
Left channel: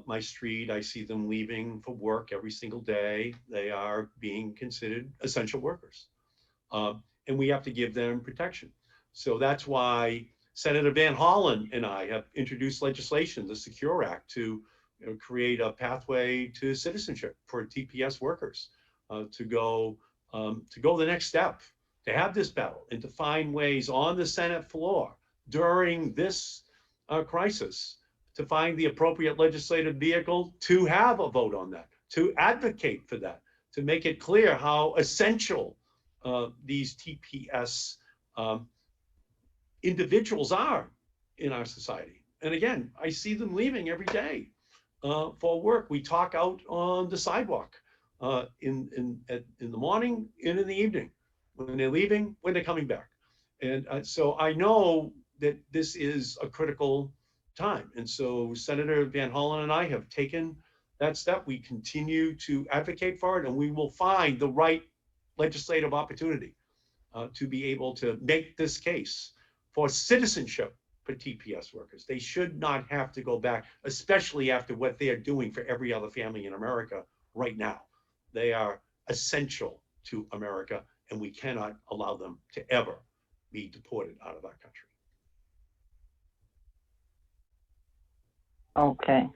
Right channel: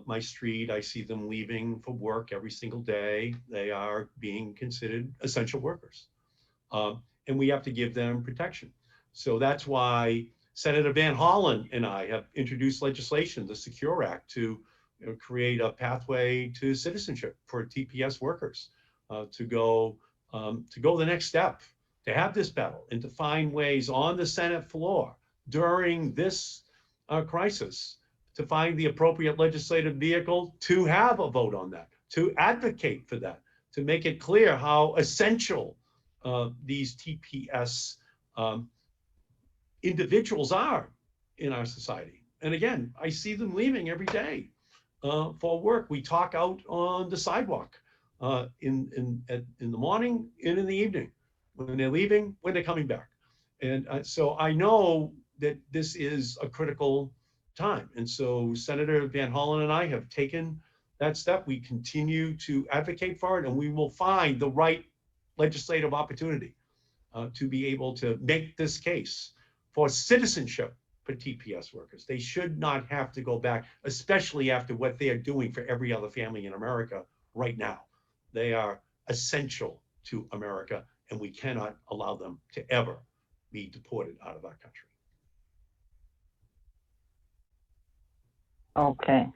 my street. I see them leaving for work every single day. They are being considered essential workers, and we have to give them protection. So that's why Senator Van Hollen and I have introduced legislation, the Secure Act, to create a pathway to citizenship for TPS workers, to go the next step, to have this battle and to find ways on the Senate floor during this crisis to find the appropriate legislative vehicle to have a vote on that, to advocate for that, to make it clear how essential these TPS individuals are in our society. And again, I see them leaving every day for work. We talk out on the sidewalk in the morning and in the evening, when they're leaving, when they're coming back. And so I know that this is a critical time. And so Senator Van Hollen and I have taken that step. We continue to advocate for it, and we will find the right legislative opportunity to be able to make this case for citizenship for TPS workers. They should not have to go back, especially after what they are doing for every other family in America right now. They are essential to America, and we cannot allow them to ever be deported out of our country. Okay.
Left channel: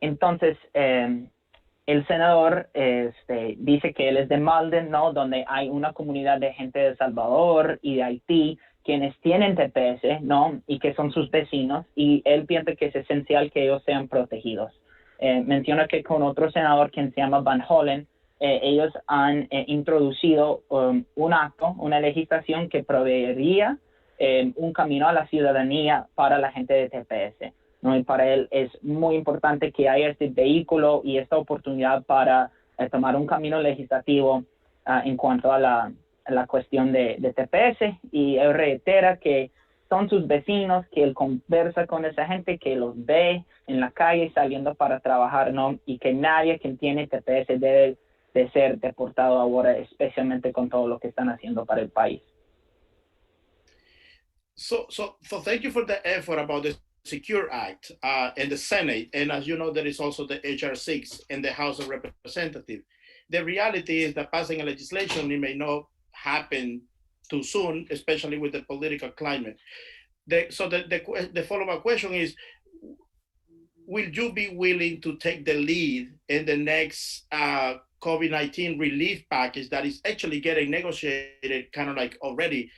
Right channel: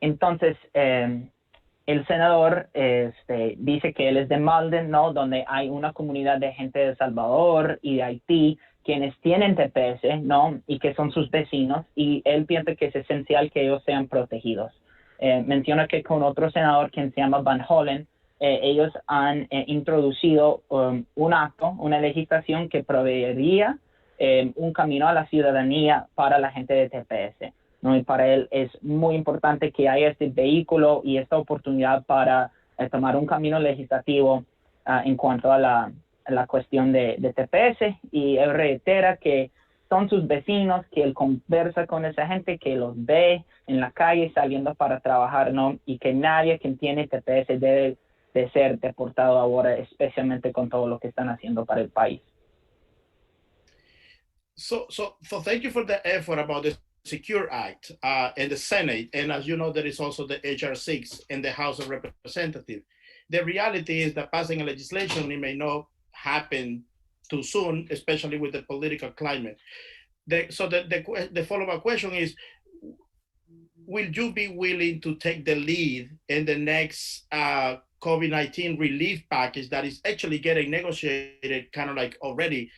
Entonces, el senador dice que él es de Malden, ¿no? Donde hay una comunidad de gente de El Salvador y de Haití, quienes tienen TPS, ¿no? Y que son sus vecinos, y él piensa que es esencial que ellos sean protegidos. Menciona que con otro senador, quien se llama Van Hollen, ellos han introducido un acto, una legislación que proveería un camino a la ciudadanía para la gente de TPS, ¿no? Y para él es muy importante que haya este vehículo y esta oportunidad para tomar un camino legislativo en cuanto a la cuestión de TPS, y él reitera que son sus vecinos, que él conversa con esa gente, que los ve en la calle saliendo para trabajar, ¿no? Y que nadie que tiene TPS debe de ser deportado ahora, especialmente con todo lo que están haciendo para el país. So thank you for the effort about the Secure Act in the Senate. And as you know, there is also the HR 6 in the House of Representatives. The reality is that passing a legislation, it may not happen too soon, especially with the political climate. So the follow-up question is, will you be willing to take the lead in the next COVID-19 relief package that is actually getting negotiated kind of like already?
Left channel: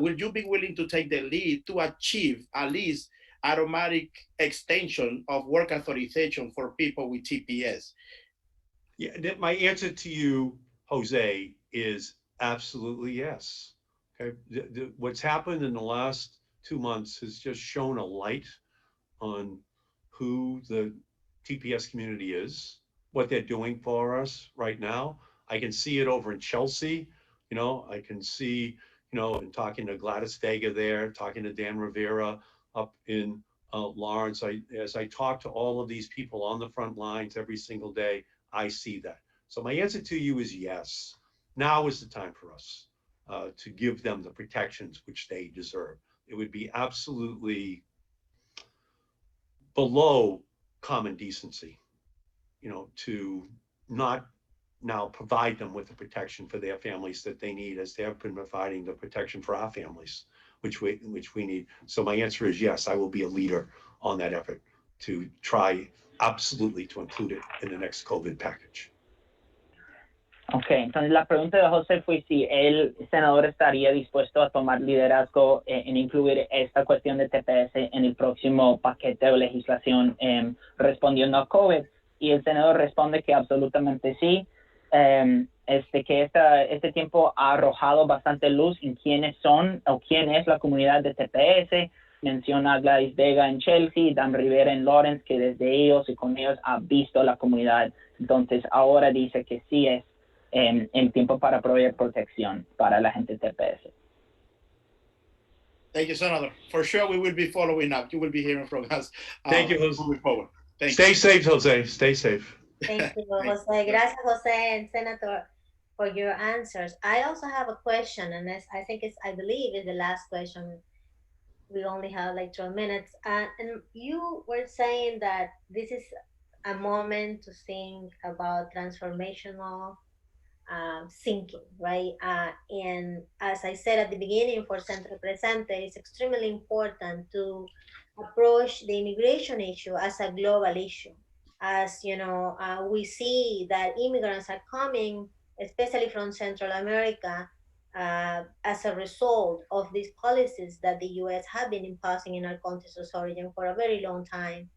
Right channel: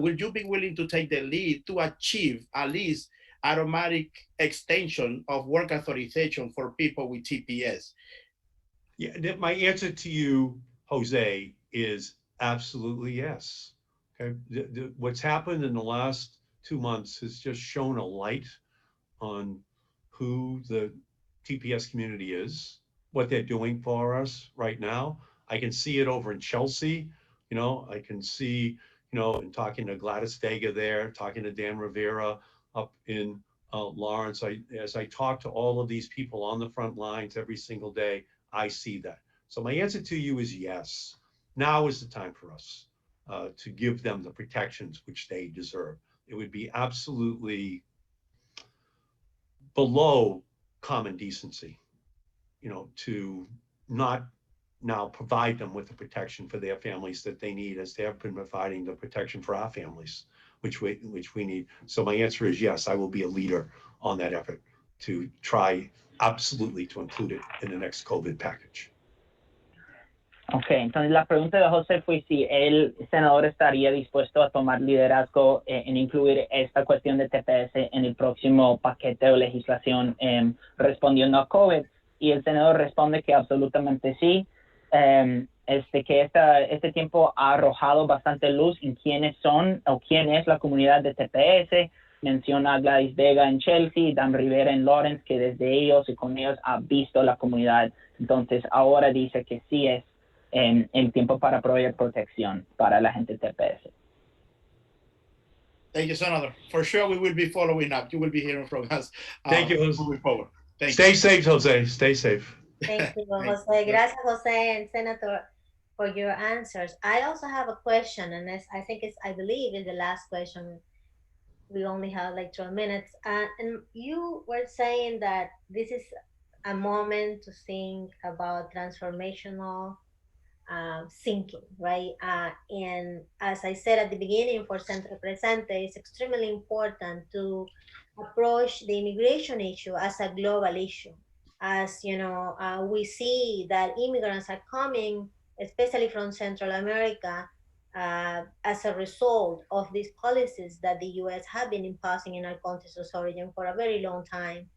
Will you be willing to take the lead to achieve at least automatic extension of work authorization for people with TPS? Yeah, my answer to you, Jose, is absolutely yes. Okay, what's happened in the last 2 months has just shown a light on who the TPS community is, what they're doing for us right now. I can see it over in Chelsea. I can see, in talking to Gladys Vega there, talking to Dan Rivera up in Lawrence. As I talk to all of these people on the front lines every single day, I see that. So my answer to you is yes. Now is the time for us to give them the protections which they deserve. It would be absolutely below common decency, to not now provide them with the protection for their families that they need, as they have been providing the protection for our families, which we need. So my answer is yes, I will be a leader on that effort to try absolutely to include it in the next COVID package. Ok, entonces la pregunta de José fue si el senador estaría dispuesto a tomar liderazgo en incluir esta cuestión de TPS en el próximo paquete de legislación respondiendo a COVID. Y el senador responde que absolutamente sí, que este tiempo ha arrojado bastante luz en quiénes son o quién es la comunidad de TPS. Menciona a Gladys Vega en Chelsea, Dan Rivera en Lawrence, que desde ellos y con ellos ha visto la comunidad. Entonces ahora dice que sí es el tiempo para proveer protección para la gente TPS. Thank you, Senator. For sure, we will be following up. You will be hearing from us. Thank you, Jose. Moving forward. Stay safe, Jose. Stay safe. Thank you, Jose. Gracias, Jose and Senator, for your answers. I also have a question, and I believe it's the last question. We only have like 12 minutes. And you were saying that this is a moment to think about transformational thinking, right? And as I said at the beginning, for Centro Presente, it's extremely important to approach the immigration issue as a global issue. As you know, we see that immigrants are coming, especially from Central America, as a result of these policies that the U.S. have been imposing in our countries of origin for a very long time,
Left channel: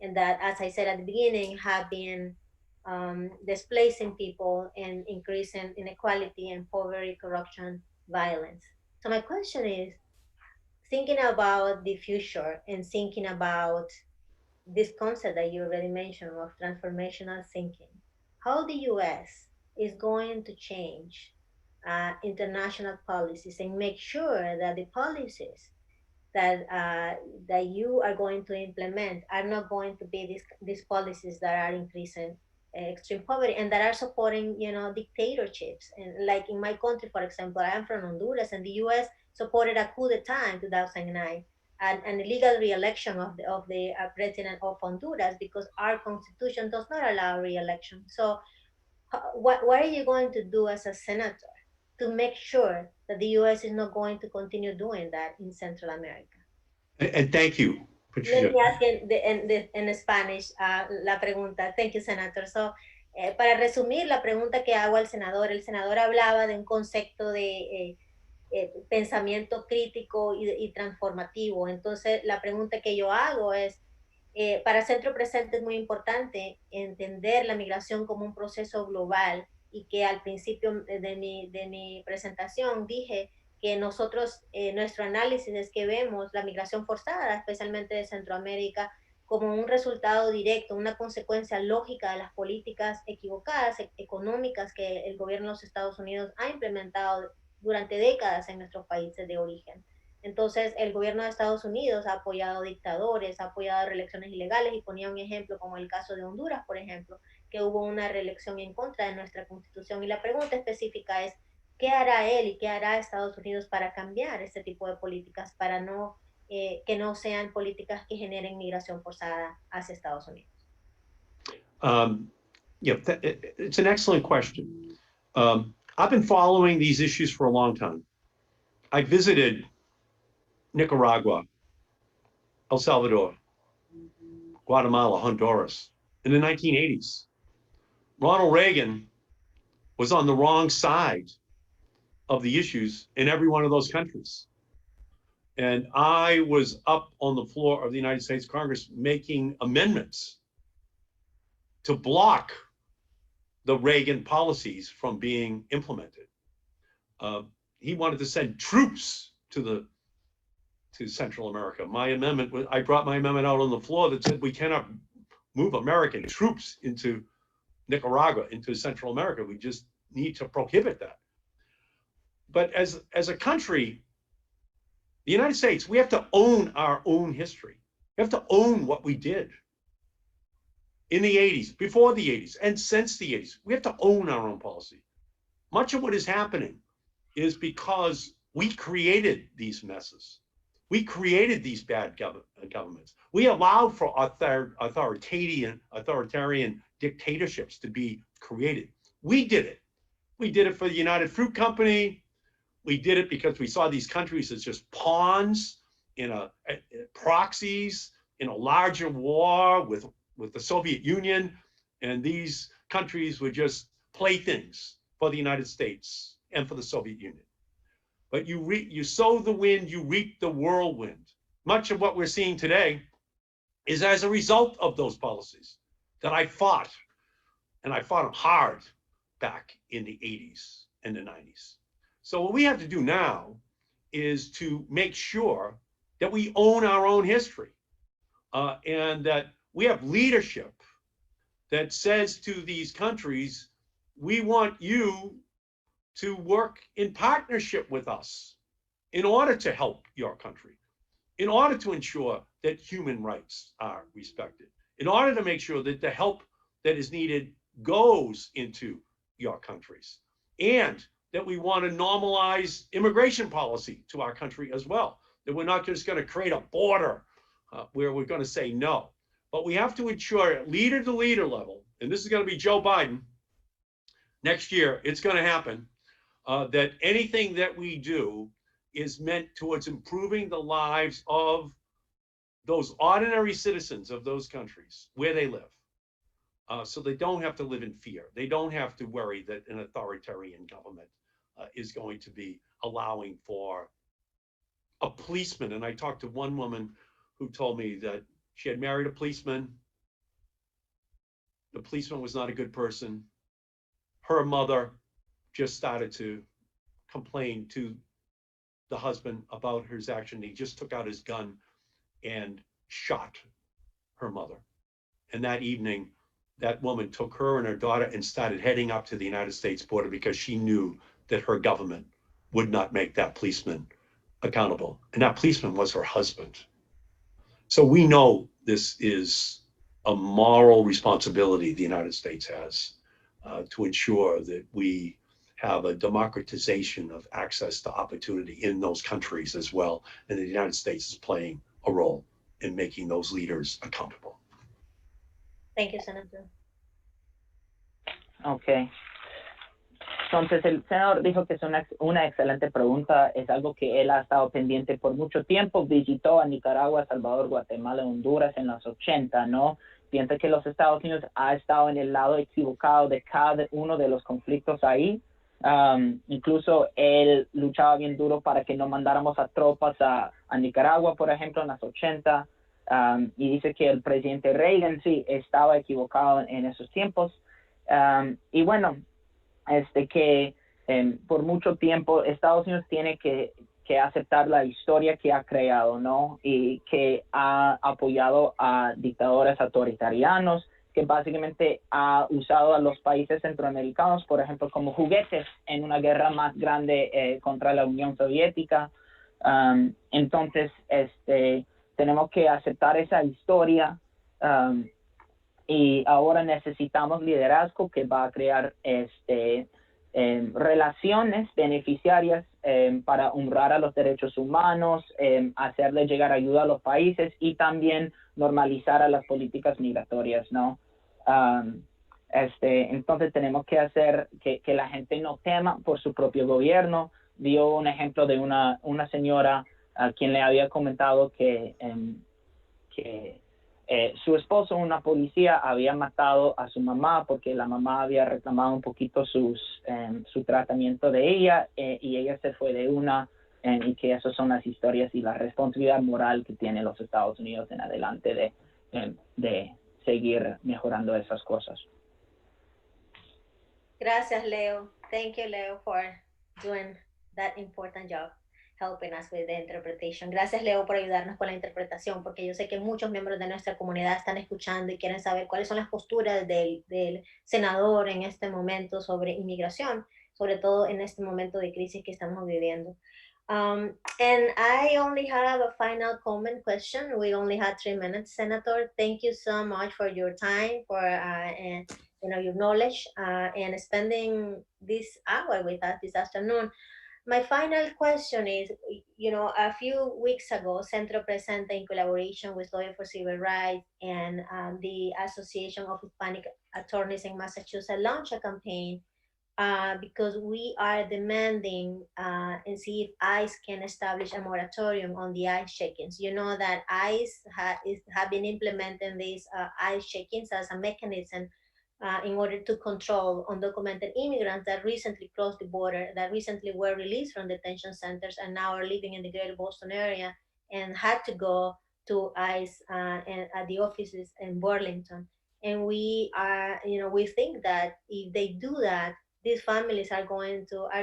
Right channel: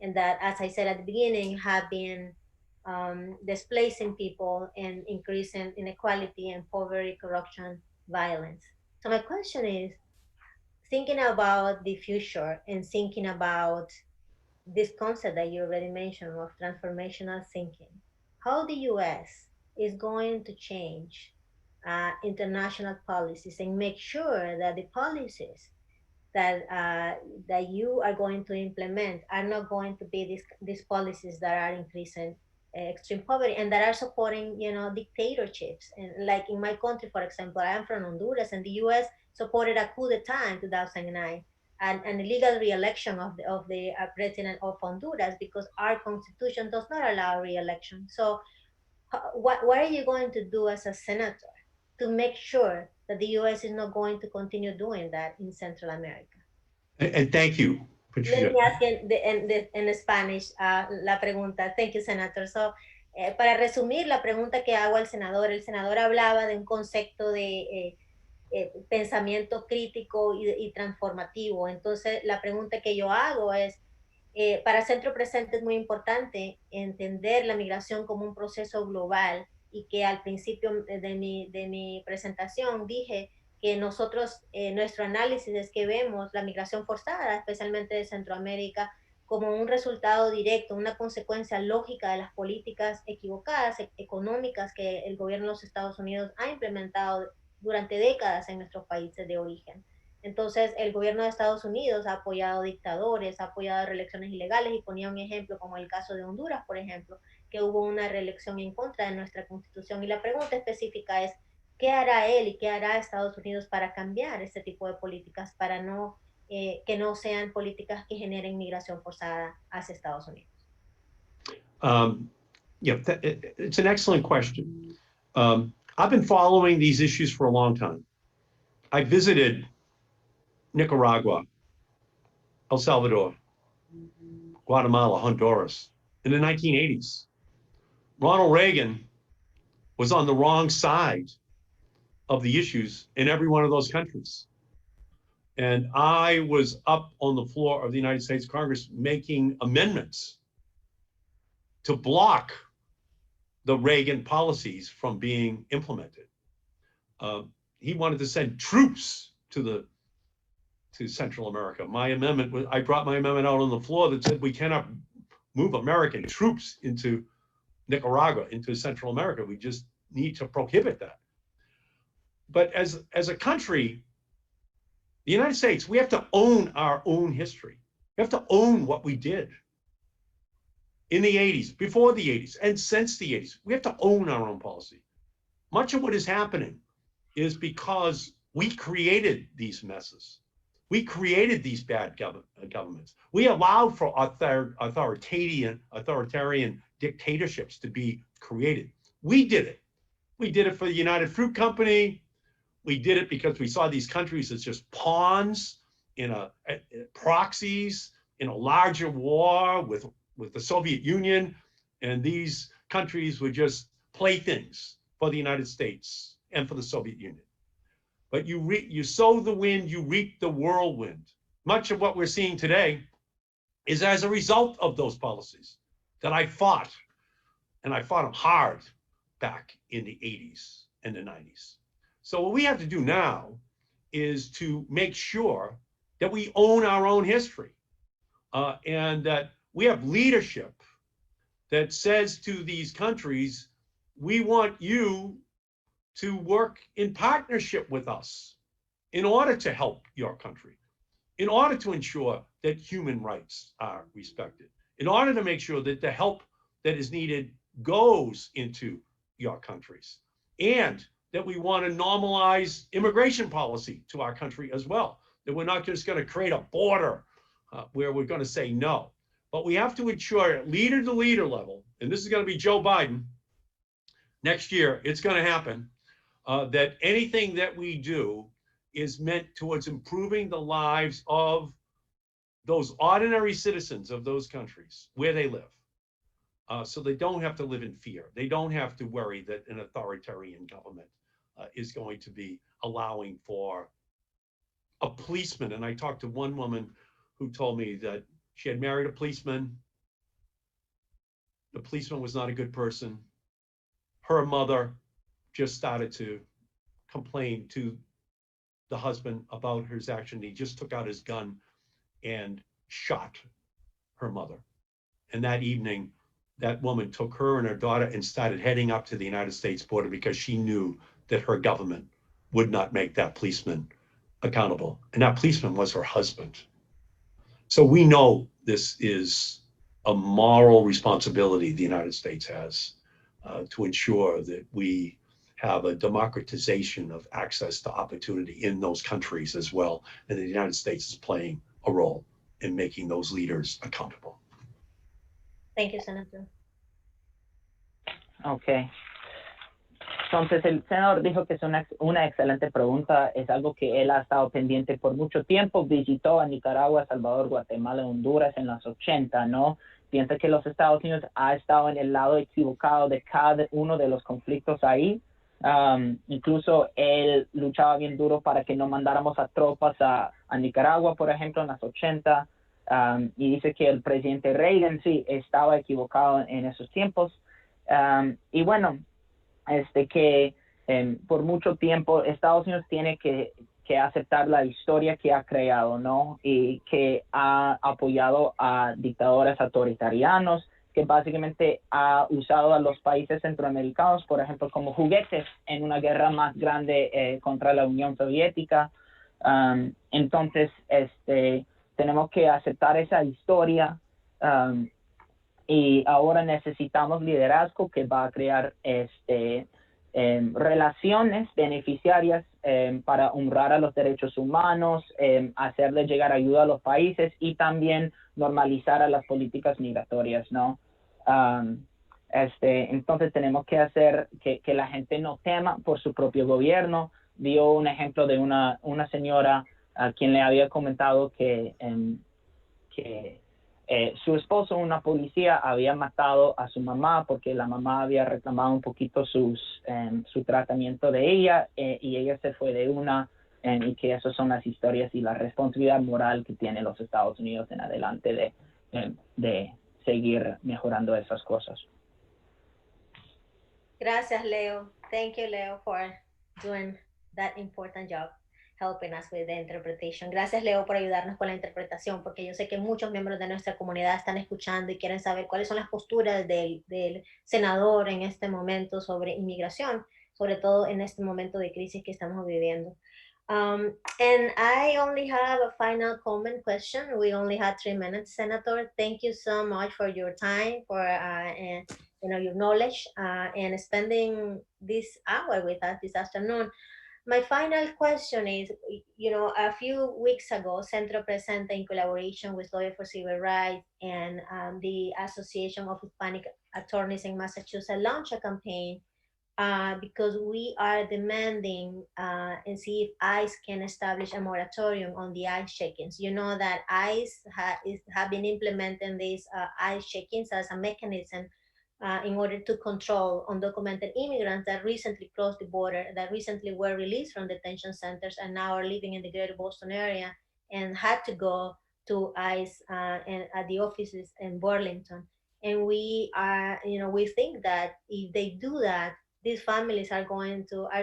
and that, as I said at the beginning, have been displacing people and increasing inequality and poverty, corruption, violence. So my question is, thinking about the future and thinking about this concept that you already mentioned of transformational thinking, how the U.S. is going to change international policies and make sure that the policies that you are going to implement are not going to be these policies that are increasing extreme poverty and that are supporting dictatorships. And like in my country, for example, I am from Honduras, and the U.S. supported a coup d'etat in 2009 and an illegal re-election of the president of Honduras, because our constitution does not allow re-election. So what are you going to do as a senator to make sure that the U.S. is not going to continue doing that in Central America? And thank you, Patricia. Let me ask in Spanish la pregunta. Thank you, Senator. So, para resumir la pregunta que hago al senador, el senador hablaba de un concepto de pensamiento crítico y transformativo. Entonces, la pregunta que yo hago es, para Centro Presente es muy importante entender la migración como un proceso global, y que al principio de mi presentación dije que nosotros, nuestro análisis es que vemos la migración forzada, especialmente de Centroamérica, como un resultado directo, una consecuencia lógica de las políticas equivocadas económicas que el gobierno de los Estados Unidos ha implementado durante décadas en nuestros países de origen. Entonces, el gobierno de Estados Unidos ha apoyado dictadores, ha apoyado reelecciones ilegales, y ponía un ejemplo como el caso de Honduras, por ejemplo, que hubo una reelección en contra de nuestra constitución. Y la pregunta específica es, ¿qué hará él y qué hará Estados Unidos para cambiar este tipo de políticas, para que no sean políticas que generen migración forzada hacia Estados Unidos? Yeah, it's an excellent question. I've been following these issues for a long time. I visited Nicaragua, El Salvador, Guatemala, Honduras in the 1980s. Ronald Reagan was on the wrong side of the issues in every one of those countries. And I was up on the floor of the United States Congress making amendments to block the Reagan policies from being implemented. He wanted to send troops to Central America. I brought my amendment out on the floor that said we cannot move American troops into Nicaragua, into Central America. We just need to prohibit that. But as a country, the United States, we have to own our own history. We have to own what we did in the 80s, before the 80s, and since the 80s. We have to own our own policy. Much of what is happening is because we created these messes. We created these bad governments. We allowed for authoritarian dictatorships to be created. We did it. We did it for the United Fruit Company. We did it because we saw these countries as just pawns in proxies in a larger war with the Soviet Union. And these countries were just playthings for the United States and for the Soviet Union. But you sow the wind, you reap the whirlwind. Much of what we're seeing today is as a result of those policies that I fought, and I fought them hard back in the 80s and the 90s. So what we have to do now is to make sure that we own our own history, and that we have leadership that says to these countries, we want you to work in partnership with us in order to help your country, in order to ensure that human rights are respected, in order to make sure that the help that is needed goes into your countries, and that we want to normalize immigration policy to our country as well, that we're not just going to create a border where we're going to say no, but we have to ensure at leader to leader level, and this is going to be Joe Biden next year, it's going to happen, that anything that we do is meant towards improving the lives of those ordinary citizens of those countries where they live. So they don't have to live in fear. They don't have to worry that an authoritarian government is going to be allowing for a policeman. And I talked to one woman who told me that she had married a policeman. The policeman was not a good person. Her mother just started to complain to the husband about his action. He just took out his gun and shot her mother. And that evening, that woman took her and her daughter and started heading up to the United States border because she knew that her government would not make that policeman accountable. And that policeman was her husband. So we know this is a moral responsibility the United States has to ensure that we have a democratization of access to opportunity in those countries as well. And the United States is playing a role in making those leaders accountable. Thank you, Senator. Okay. Entonces, el senador dijo que es una excelente pregunta, es algo que él ha estado pendiente por mucho tiempo, visitó a Nicaragua, Salvador, Guatemala, Honduras en los 80, ¿no? Piensa que los Estados Unidos ha estado en el lado equivocado de cada uno de los conflictos ahí. Incluso él luchaba bien duro para que no mandáramos a tropas a Nicaragua, por ejemplo, en los 80, y dice que el presidente Reagan sí estaba equivocado en esos tiempos. Y bueno, que por mucho tiempo Estados Unidos tiene que aceptar la historia que ha creado, ¿no? Y que ha apoyado a dictadores autoritarianos, que básicamente ha usado a los países centroamericanos, por ejemplo, como juguetes en una guerra más grande contra la Unión Soviética. Entonces, tenemos que aceptar esa historia, y ahora necesitamos liderazgo que va a crear relaciones beneficiarias para honrar a los derechos humanos, hacerle llegar ayuda a los países y también normalizar a las políticas migratorias, ¿no? Entonces tenemos que hacer que la gente no tema por su propio gobierno. Dio un ejemplo de una señora a quien le había comentado que su esposo, una policía, había matado a su mamá porque la mamá había reclamado un poquito su tratamiento de ella, y ella se fue de una, y que esas son las historias y la responsabilidad moral que tienen los Estados Unidos en adelante de seguir mejorando esas cosas. Gracias, Leo. Thank you, Leo, for doing that important job, helping us with the interpretation. Gracias, Leo, por ayudarnos con la interpretación, porque yo sé que muchos miembros de nuestra comunidad están escuchando y quieren saber cuáles son las posturas del senador en este momento sobre inmigración, sobre todo en este momento de crisis que estamos viviendo. And I only have a final comment question. We only had 3 minutes, Senator. Thank you so much for your time, for and your knowledge, and spending this hour with us this afternoon. My final question is, a few weeks ago, Centro Presente, in collaboration with Lawyer for Civil Rights and the Association of Hispanic Attorneys in Massachusetts, launched a campaign because we are demanding and see if ICE can establish a moratorium on the ICE check-ins. You know that ICE have been implementing these ICE check-ins as a mechanism in order to control undocumented immigrants that recently crossed the border, that recently were released from detention centers and now are living in the greater Boston area and had to go to ICE at the offices in Burlington. And we think that if they do that, these families are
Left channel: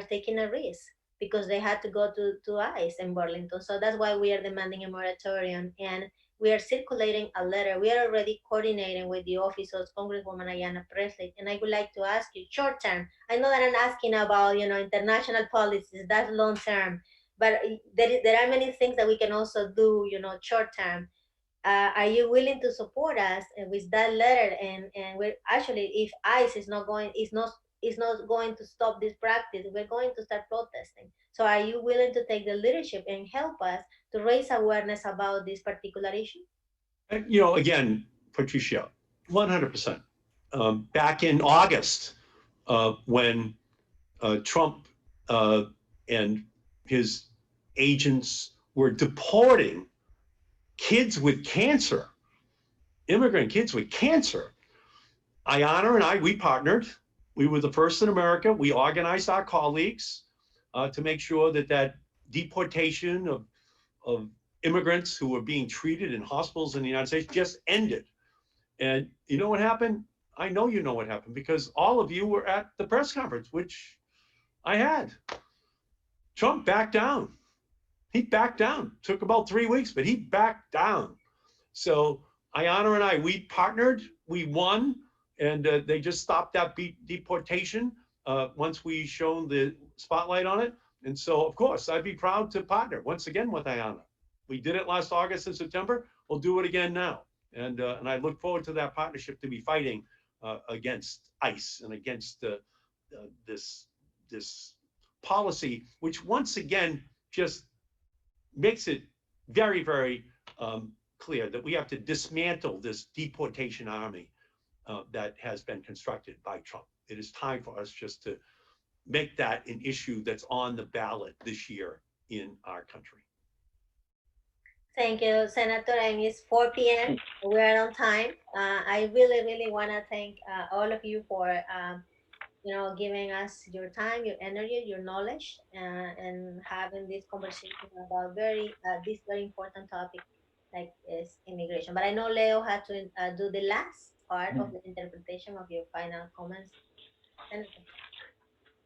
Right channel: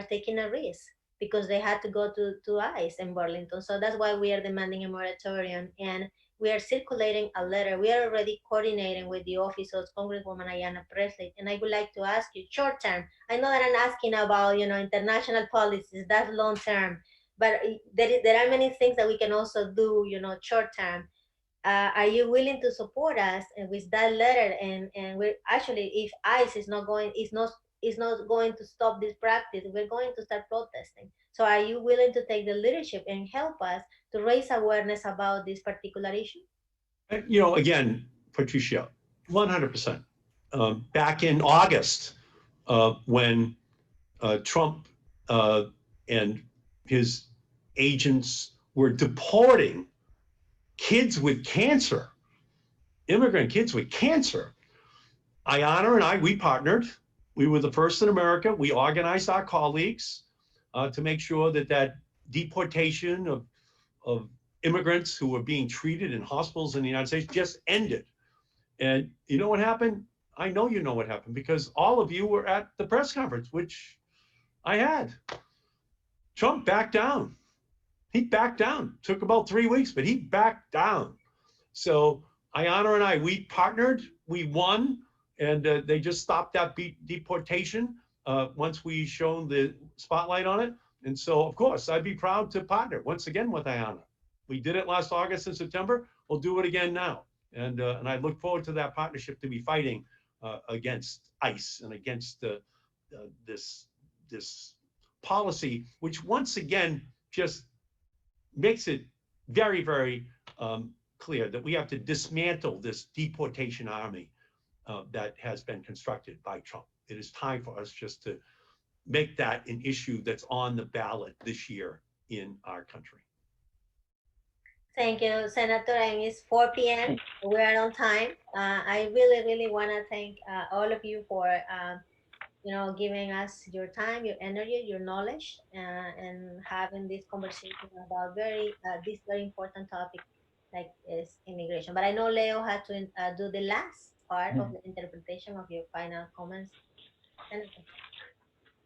taking a risk because they had to go to ICE in Burlington. So that's why we are demanding a moratorium. And we are circulating a letter. We are already coordinating with the office of Congresswoman Ayanna Presley. And I would like to ask you, short term, I know that I'm asking about, international policies, that's long term, but there are many things that we can also do, short term. Are you willing to support us with that letter? And we're actually, if ICE is not going to stop this practice, we're going to start protesting. So are you willing to take the leadership and help us to raise awareness about this particular issue? Again, Patricia, 100%. Back in August, when Trump and his agents were deporting kids with cancer, immigrant kids with cancer, Ayanna and I, we partnered. We were the first in America. We organized our colleagues to make sure that deportation of immigrants who were being treated in hospitals in the United States just ended. And you know what happened? I know you know what happened because all of you were at the press conference, which I had. Trump backed down. He backed down. Took about 3 weeks, but he backed down. So Ayanna and I, we partnered, we won, and they just stopped that deportation once we shone the spotlight on it. And so, of course, I'd be proud to partner once again with Ayanna. We did it last August and September. We'll do it again now. And I look forward to that partnership to be fighting against ICE and against this policy, which once again just makes it very, very clear that we have to dismantle this deportation army that has been constructed by Trump. It is time for us just to make that an issue that's on the ballot this year in our country. Thank you, Senator. And it's 4 p.m. We are on time. I really, really want to thank all of you for, giving us your time, your energy, your knowledge, and having this conversation about this very important topic like is immigration. But I know Leo had to do the last part of the interpretation of your final comments. Senator.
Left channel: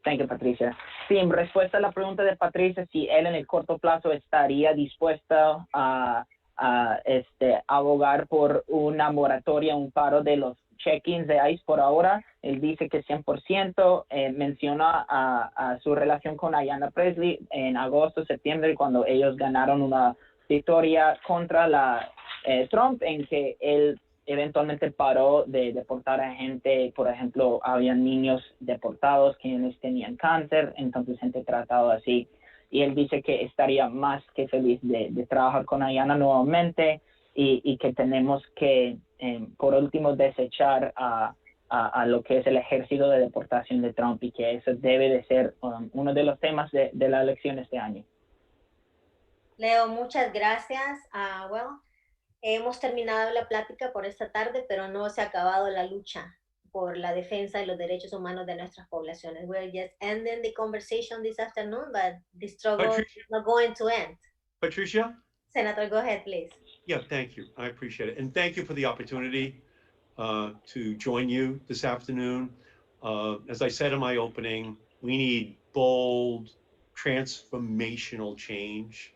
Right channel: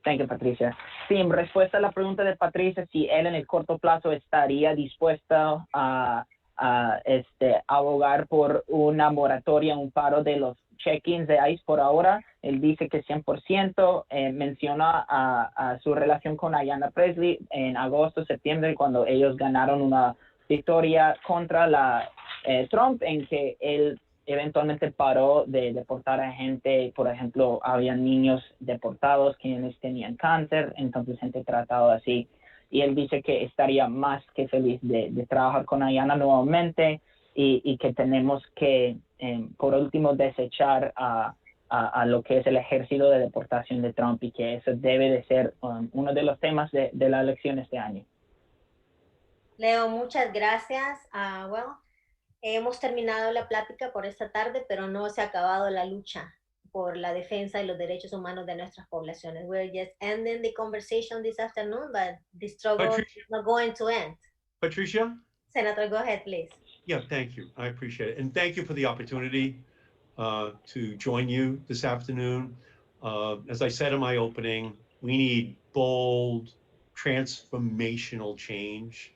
Thank you, Patricia. Sí, en respuesta a la pregunta de Patricia, si él en el corto plazo estaría dispuesto a abogar por una moratoria, un paro de los check-ins de ICE por ahora, él dice que 100%, menciona a su relación con Ayanna Presley en agosto, septiembre, cuando ellos ganaron una victoria contra Trump, en que él eventualmente paró de deportar a gente. Por ejemplo, había niños deportados quienes tenían cáncer, entonces gente tratada así. Y él dice que estaría más que feliz de trabajar con Ayanna nuevamente y que tenemos que, por último, desechar a lo que es el ejército de deportación de Trump y que eso debe de ser uno de los temas de la elección este año. Leo, muchas gracias. Hemos terminado la plática por esta tarde, pero no se ha acabado la lucha por la defensa de los derechos humanos de nuestras poblaciones. We're just ending the conversation this afternoon, but the struggle is not going to end. Patricia? Senator, go ahead, please. Yeah, thank you. I appreciate it. And thank you for the opportunity to join you this afternoon. As I said in my opening, we need bold, transformational change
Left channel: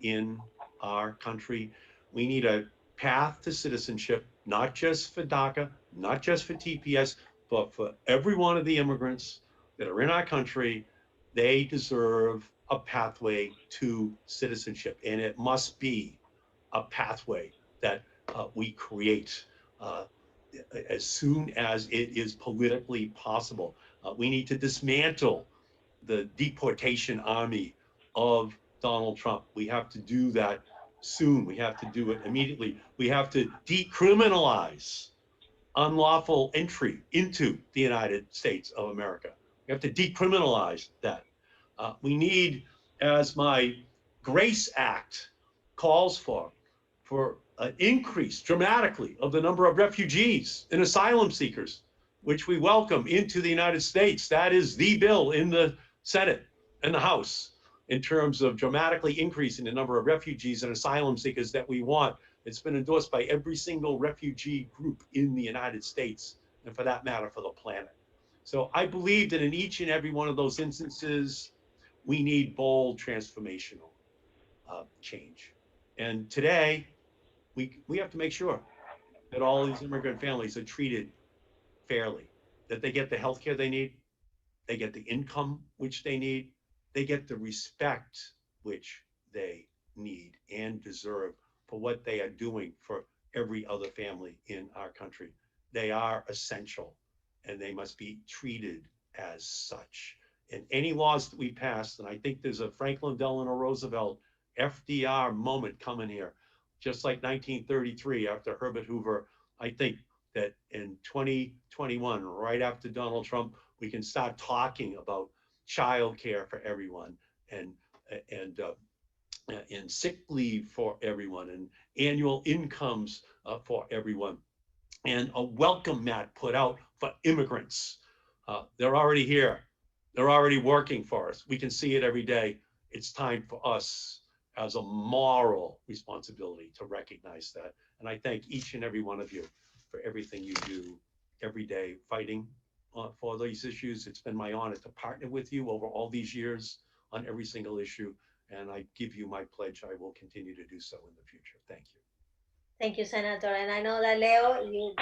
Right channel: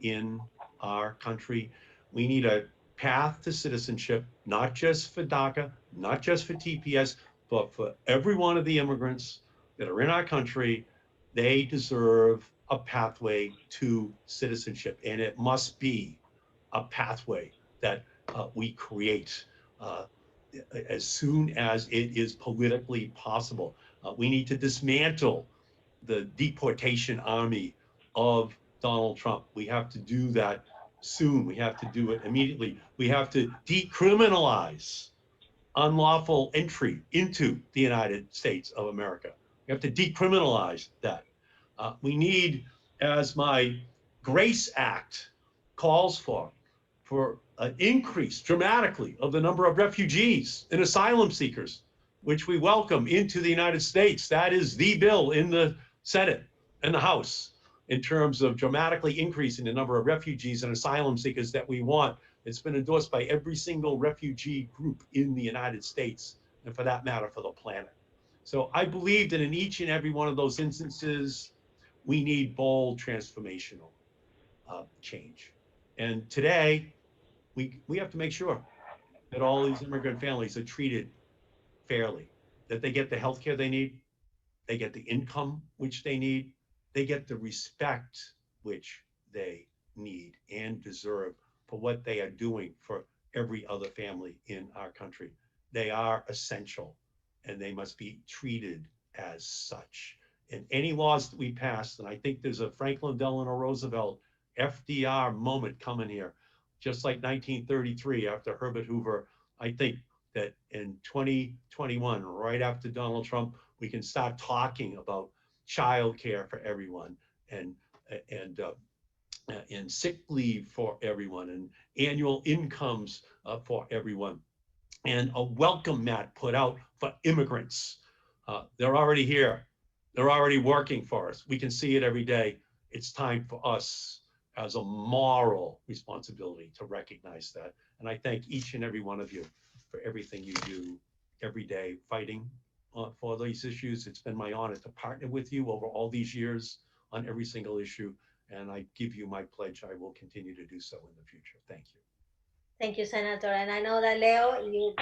in our country. We need a path to citizenship, not just for DACA, not just for TPS, but for every one of the immigrants that are in our country. They deserve a pathway to citizenship, and it must be a pathway that we create as soon as it is politically possible. We need to dismantle the deportation army of Donald Trump. We have to do that soon. We have to do it immediately. We have to decriminalize unlawful entry into the United States of America. We have to decriminalize that. We need, as my Grace Act calls for an increase dramatically of the number of refugees and asylum seekers, which we welcome into the United States. That is the bill in the Senate and the House in terms of dramatically increasing the number of refugees and asylum seekers that we want. It's been endorsed by every single refugee group in the United States, and for that matter, for the planet. So I believe that in each and every one of those instances, we need bold transformational change. And today, we have to make sure that all these immigrant families are treated fairly, that they get the health care they need, they get the income which they need, they get the respect which they need and deserve for what they are doing for every other family in our country. They are essential and they must be treated as such. And any laws that we pass, and I think there's a Franklin Delano Roosevelt FDR moment coming here, just like 1933 after Herbert Hoover. I think that in 2021, right after Donald Trump, we can start talking about child care for everyone and sick leave for everyone and annual incomes for everyone and a welcome mat put out for immigrants. They're already here. They're already working for us. We can see it every day. It's time for us as a moral responsibility to recognize that. And I thank each and every one of you for everything you do every day fighting for these issues. It's been my honor to partner with you over all these years on every single issue. And I give you my pledge, I will continue to do so in the future. Thank you. Thank you, Senator. And I know that Leo, you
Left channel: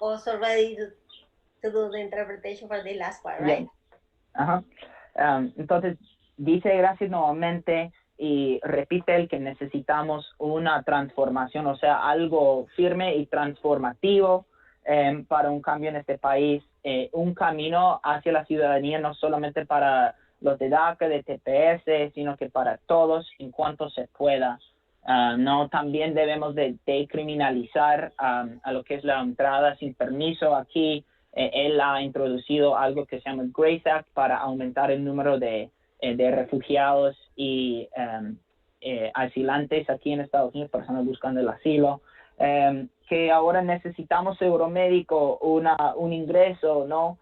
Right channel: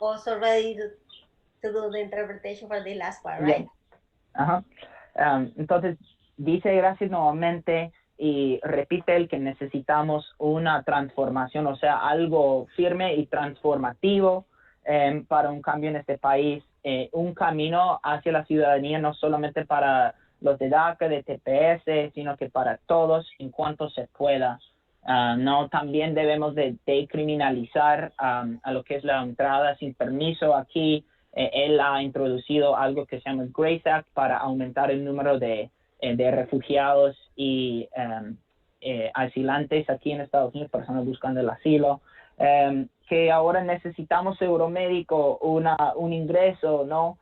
also ready to do the interpretation for the last part, right? Ajá. Entonces, dice gracias nuevamente y repite el que necesitamos una transformación, o sea, algo firme y transformativo para un cambio en este país, un camino hacia la ciudadanía no solamente para los de DACA, de TPS, sino que para todos en cuanto se pueda. No, también debemos de decriminalizar a lo que es la entrada sin permiso aquí. Él ha introducido algo que se llama el Grace Act para aumentar el número de refugiados y asilantes aquí en Estados Unidos, personas buscando el asilo, que ahora necesitamos seguro médico, un ingreso, ¿no?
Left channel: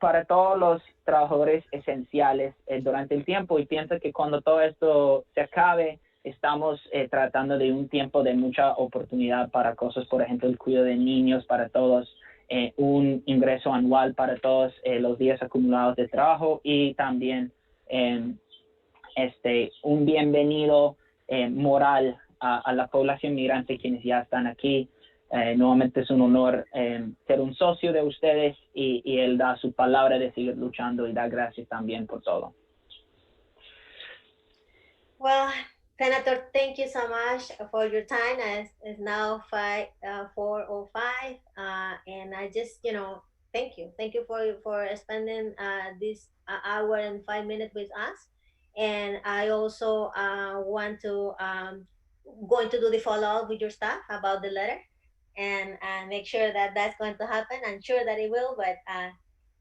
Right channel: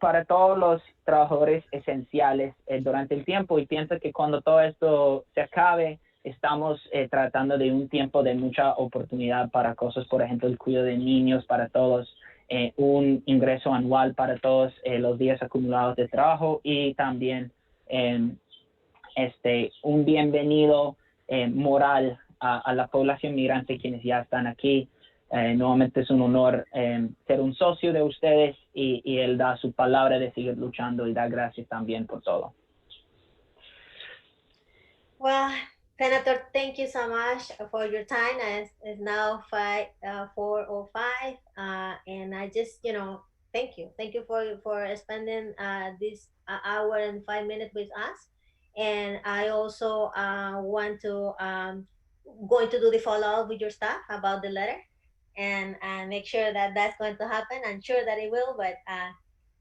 Para todos los trabajadores esenciales durante el tiempo, y pienso que cuando todo esto se acabe, estamos tratando de un tiempo de mucha oportunidad para cosas, por ejemplo, el cuidado de niños para todos, un ingreso anual para todos los días acumulados de trabajo y también un bienvenido moral a la población migrante quienes ya están aquí. Nuevamente es un honor ser un socio de ustedes y él da su palabra de seguir luchando y da gracias también por todo. Well, Senator, thank you so much for your time. It's now 4:05, and I just, thank you. Thank you for spending this hour and 5 minutes with us. And I also want to going to do the follow-up with your staff about the letter and make sure that that's going to happen. I'm sure that it will, but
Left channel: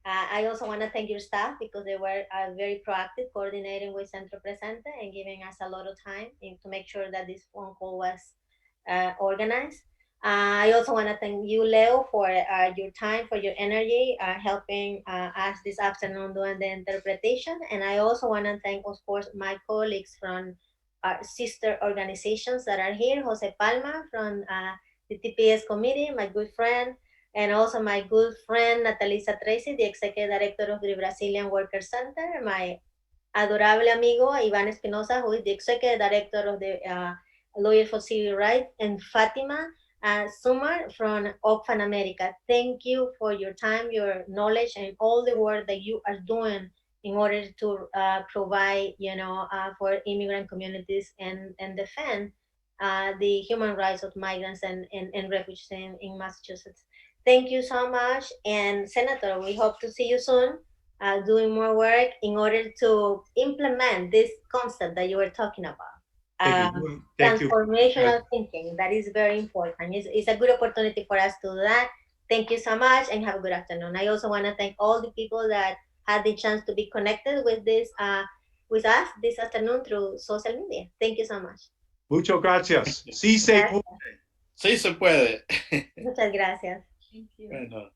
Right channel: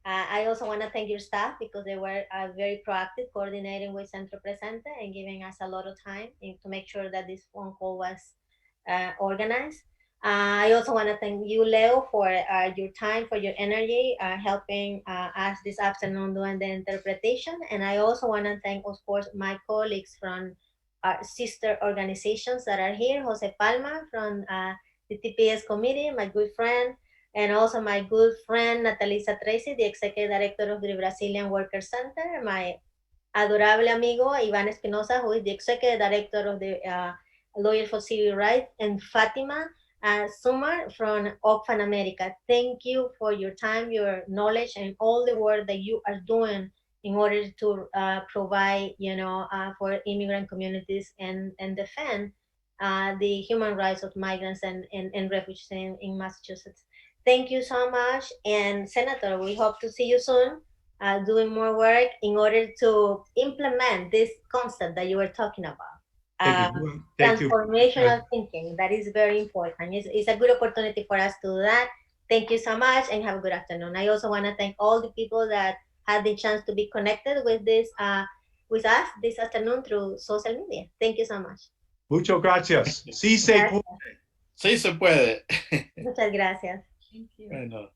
I also want to thank your staff because they were very proactive coordinating with Centro Presente and giving us a lot of time to make sure that this phone call was organized. I also want to thank you, Leo, for your time, for your energy, helping us this afternoon doing the interpretation. And I also want to thank, of course, my colleagues from our sister organizations that are here, Jose Palma from the TPS committee, my good friend, and also my good friend Natalisa Tracy, the Executive Director of the Brazilian Worker Center, my adorable amigo Ivan Espinosa, who is the Executive Director of the Lawyer for Civil Rights, and Fatima Sumar from Oxfam America. Thank you for your time, your knowledge, and all the work that you are doing in order to provide, for immigrant communities and defend the human rights of migrants and refugees in Massachusetts. Thank you so much. And Senator, we hope to see you soon doing more work in order to implement this concept that you were talking about. Thank you. Thank you. Transformational thinking, that is very important. It's a good opportunity for us to do that. Thank you so much and have a good afternoon. I also want to thank all the people that had the chance to be connected with this with us this afternoon through social media. Thank you so much. Muchas gracias. Sí se puede. Sí se puede. Muchas gracias. Thank you. Bueno.